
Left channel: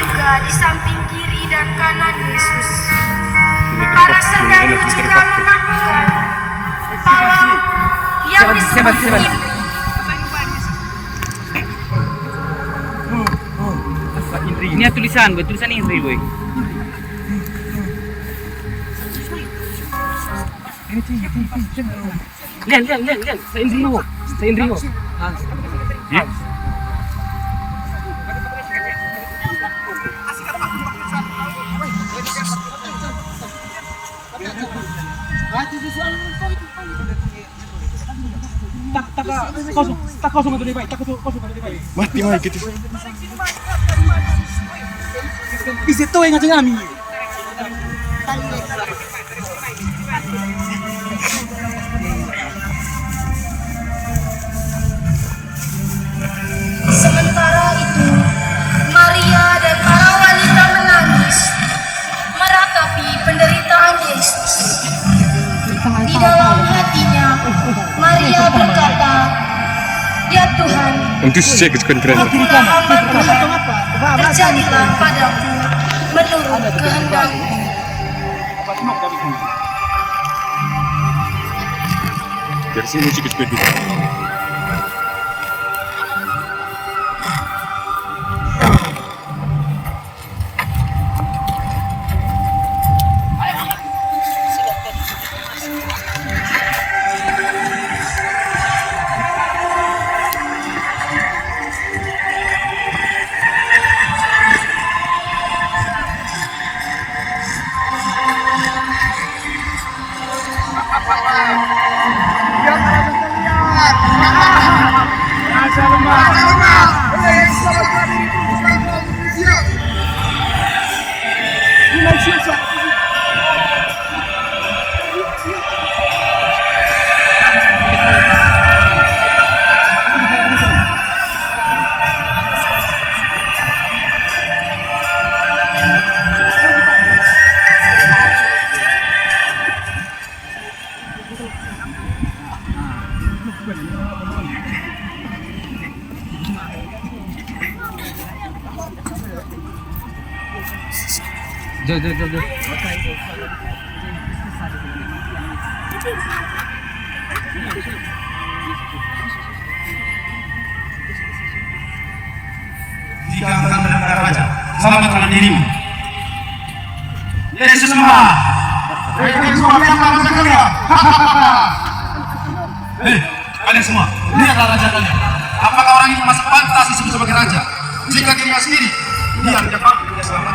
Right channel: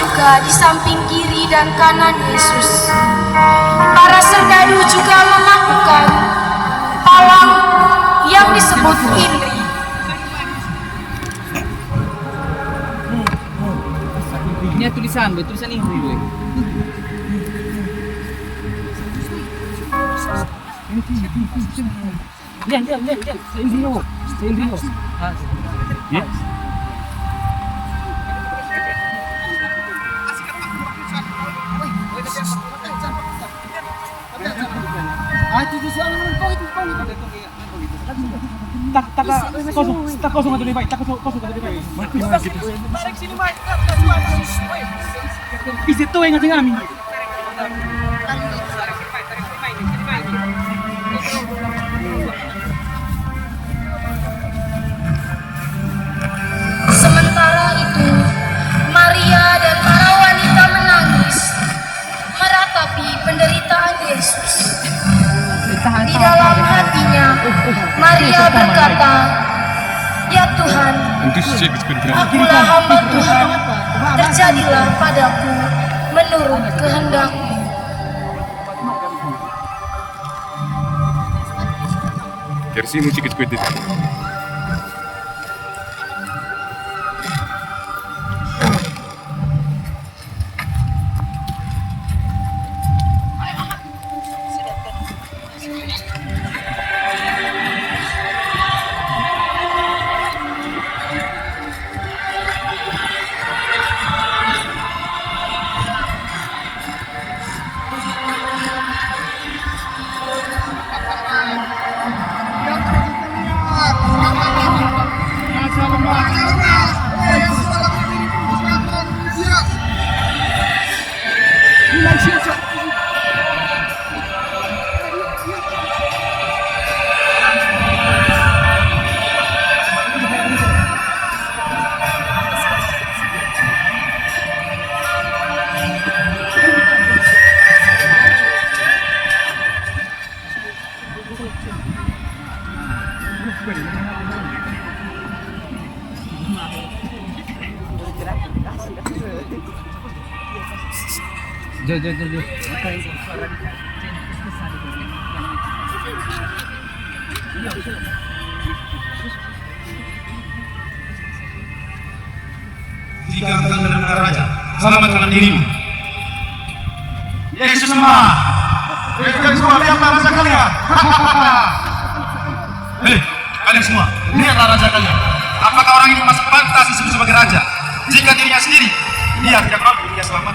juga di samping kiri dan kanan Yesus. Para serdadu juga melakukan palang yang disebut Indri. Ini tulisan Indri, boy. Lian. Sa Indri. Ya. Tak kosong atau lebih baik. Mati mah gitu. Isi tuh yang ngajeng kami. Sementara itu, Maria dan para wanita menangis meratapi penderitaan Yesus. Di dalam hatinya, Maria berkata, "Ya Tuhan, akulah hamba Tuhan, terjadilah padaku menurut kehendak-Mu." Dari sini sedikit. Jauh. Jika engkau benar-benar raja, selamatkanlah dirimu. Yesus semua. Kalian semua lihatlah raja kalian. Hei, kalian semua, lihatlah raja kalian. Apakah orang ini masih pantas disebut sebagai raja? Jika dirinya sendiri, dia tidak mampu dia selamat.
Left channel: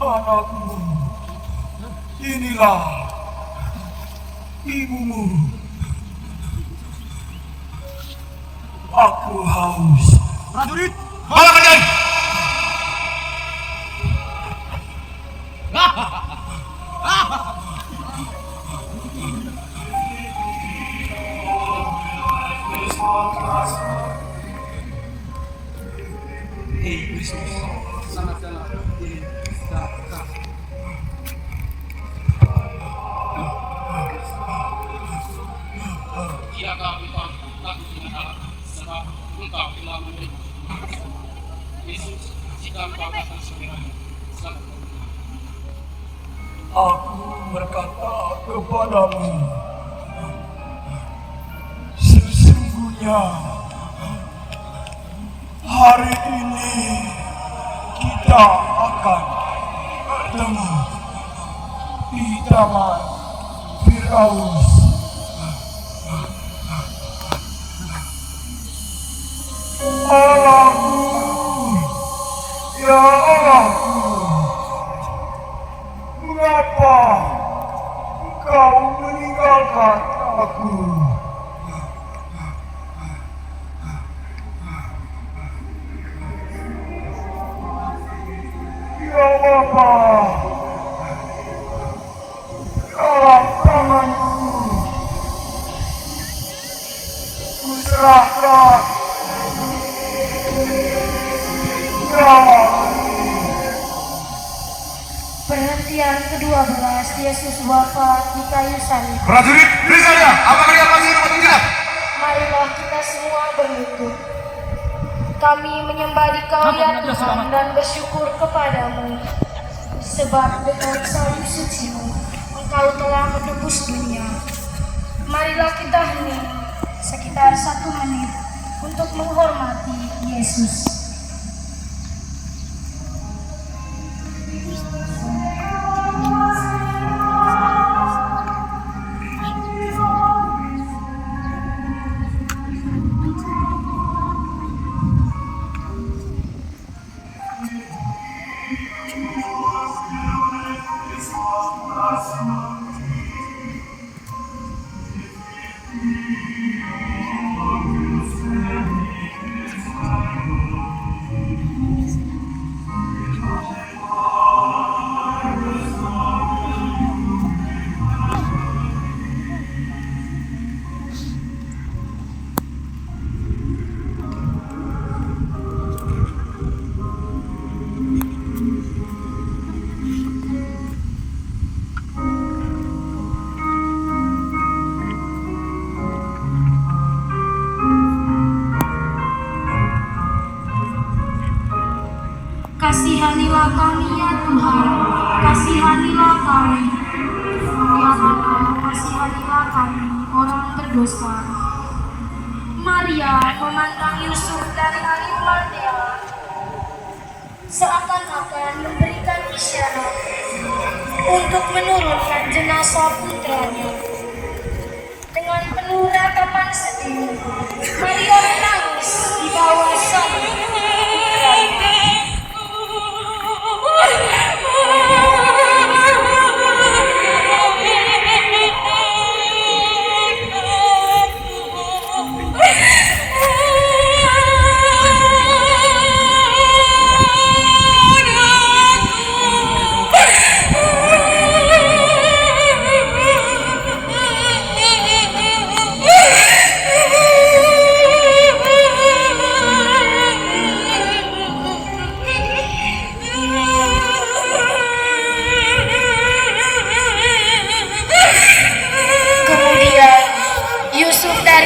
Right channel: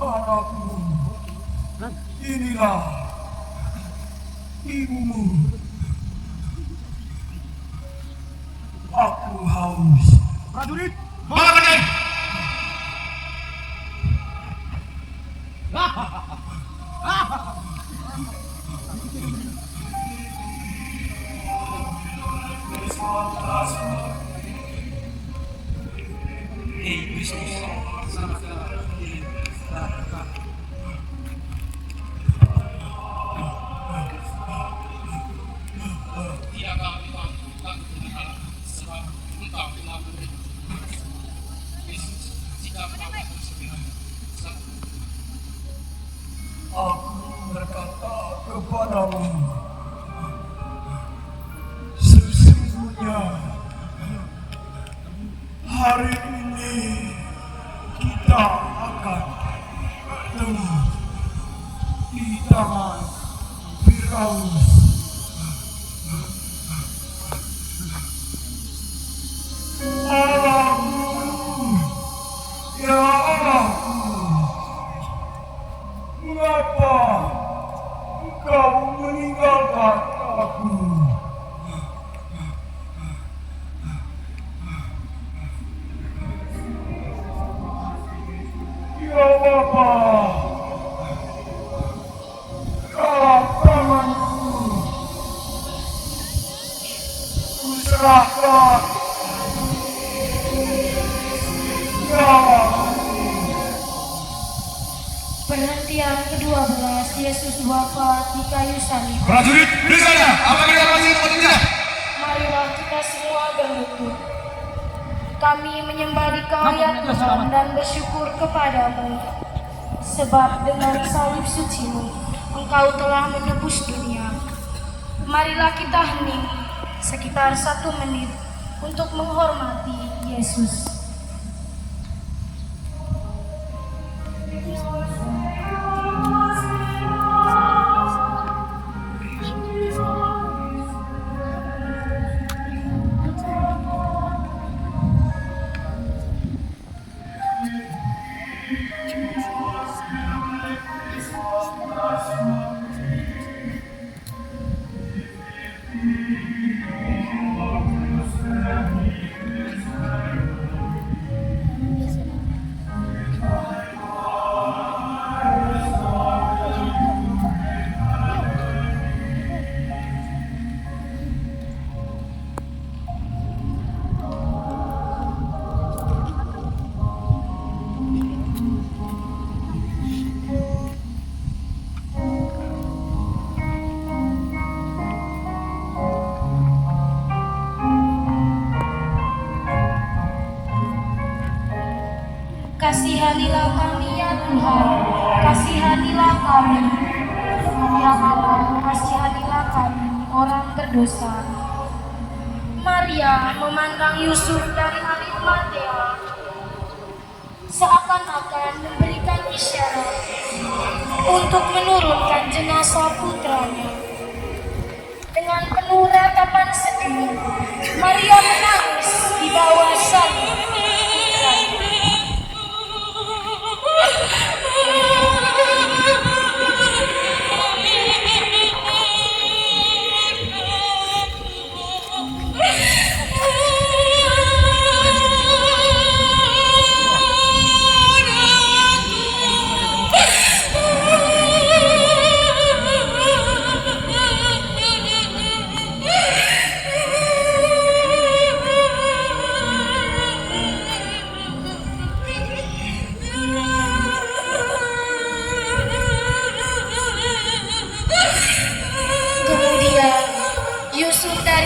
anakku, inilah ibumu. Aku haus. Prajurit, Malah kalian. Aku berkata kepadamu, sesungguhnya hari ini kita akan bertemu di taman Firaus. Allahku, ya Allahku, mengapa engkau meninggalkan aku? Ya Bapa, dalam tanganku kuserahkan nyawaku. Perhentian ke-12, Yesus wafat di kayu salib. Prajurit, periksa dia. Apakah dia masih hidup atau tidak? Marilah kita semua berlutut. Kami menyembah Dikau ya Tuhan dan bersyukur kepadamu. Sebab dengan salib suci-Mu, Engkau telah menebus dunia. Marilah kita hening sekitar 1 menit untuk menghormati Yesus. Kasihanilah kami ya Tuhan, kasihanilah kami. Ya Allah, kasihanilah kami orang berdosa. Maria memandang Yusuf dari Arimatea, seakan-akan memberikan isyarat untuk menurunkan jenazah putranya. Dengan penuh ratapan sedih, Maria menangis di bawah salib putranya.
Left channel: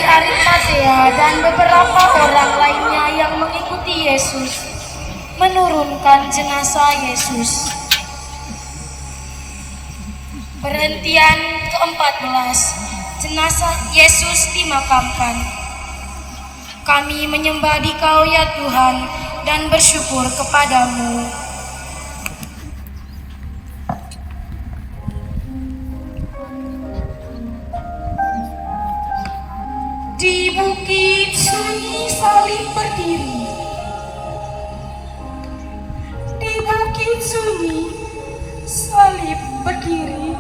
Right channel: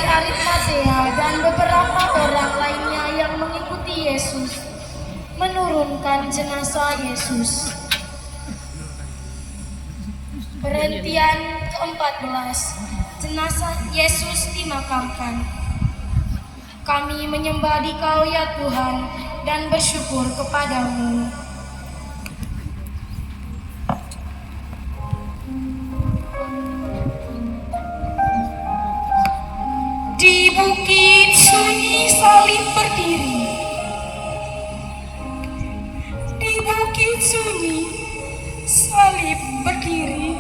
Arimatea dan beberapa orang lainnya yang mengikuti Yesus menurunkan jenazah Yesus. Perhentian ke-14, jenazah Yesus dimakamkan. Kami menyembah Dikau ya Tuhan dan bersyukur kepadamu. Di bukit sunyi salib berdiri, sunyi, salib berdiri.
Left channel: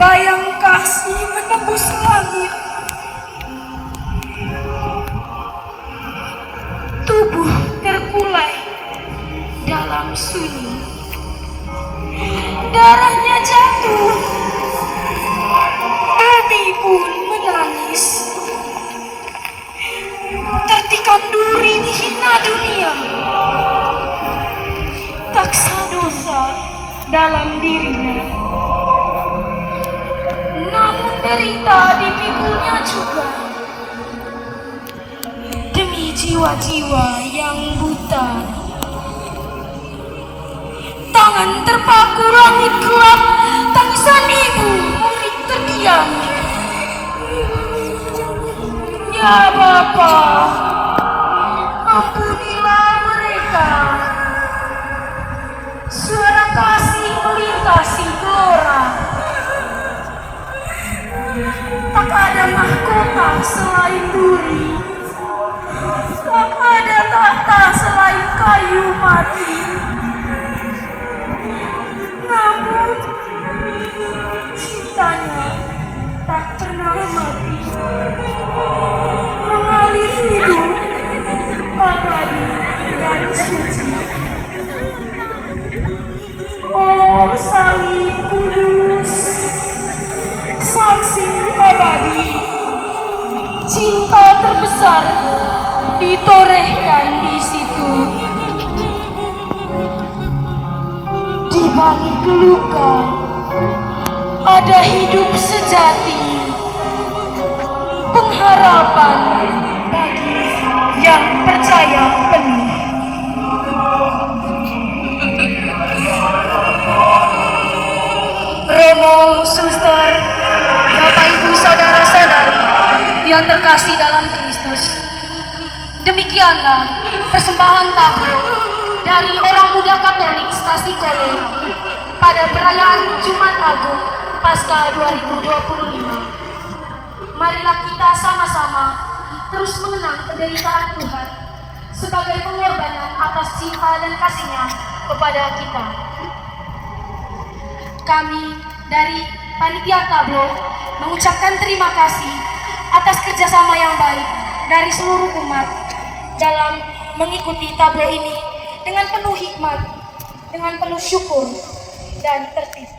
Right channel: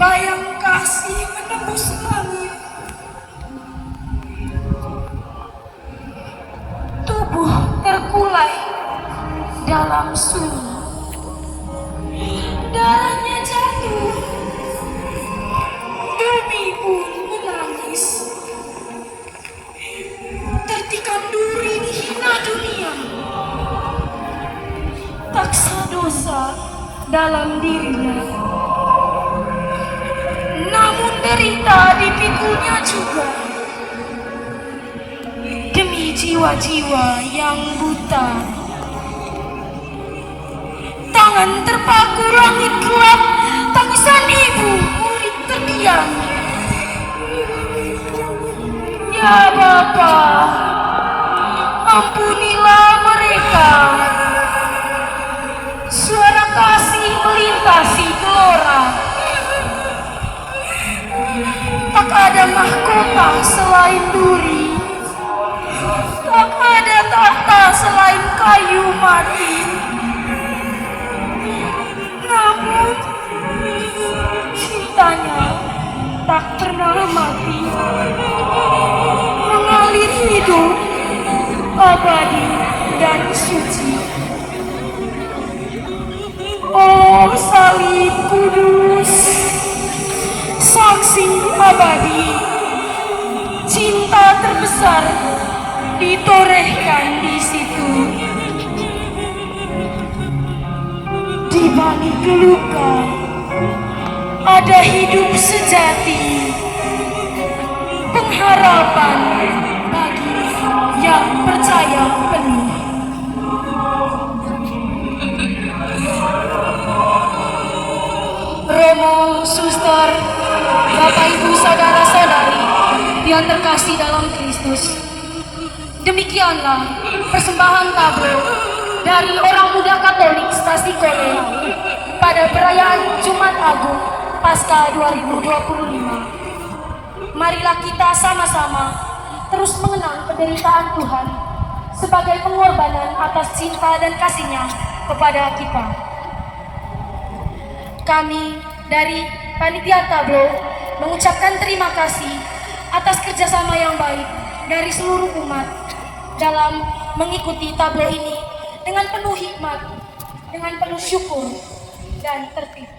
Bayang kasih menembus langit. Tubuh terkulai dalam sunyi. Darahnya jatuh. Bumi pun menangis. Tertikam duri dihina dunia. Taksa dosa dalam dirinya. Namun derita dipikulnya juga. Demi jiwa-jiwa yang buta. Tangan terpaku langit gelap. Tangisan ibu murid terdiam. Ya Bapa, ampunilah mereka. Suara kasih melintasi gelora. Tak ada mahkota selain duri. Tak ada tahta selain kayu mati. Namun cintanya tak pernah mati. Mengalir hidup abadi dan suci. Oh salib kudus, saksi abadi, cinta terbesar ditorehkan di situ. Di balik luka ada hidup sejati, pengharapan bagi yang percaya penuh. Romo, suster, Bapak Ibu saudara-saudari yang terkasih dalam Kristus. Demikianlah persembahan tablo dari orang muda Katolik Stasi Kole pada perayaan Jumat Agung Paskah 2025. Marilah kita sama-sama terus mengenang penderitaan Tuhan sebagai pengorbanan atas cinta dan kasih-Nya kepada kita. Kami dari Panitia Tablo mengucapkan terima kasih atas kerjasama yang baik dari seluruh umat dalam mengikuti tablo ini dengan penuh hikmat, dengan penuh syukur dan tertib.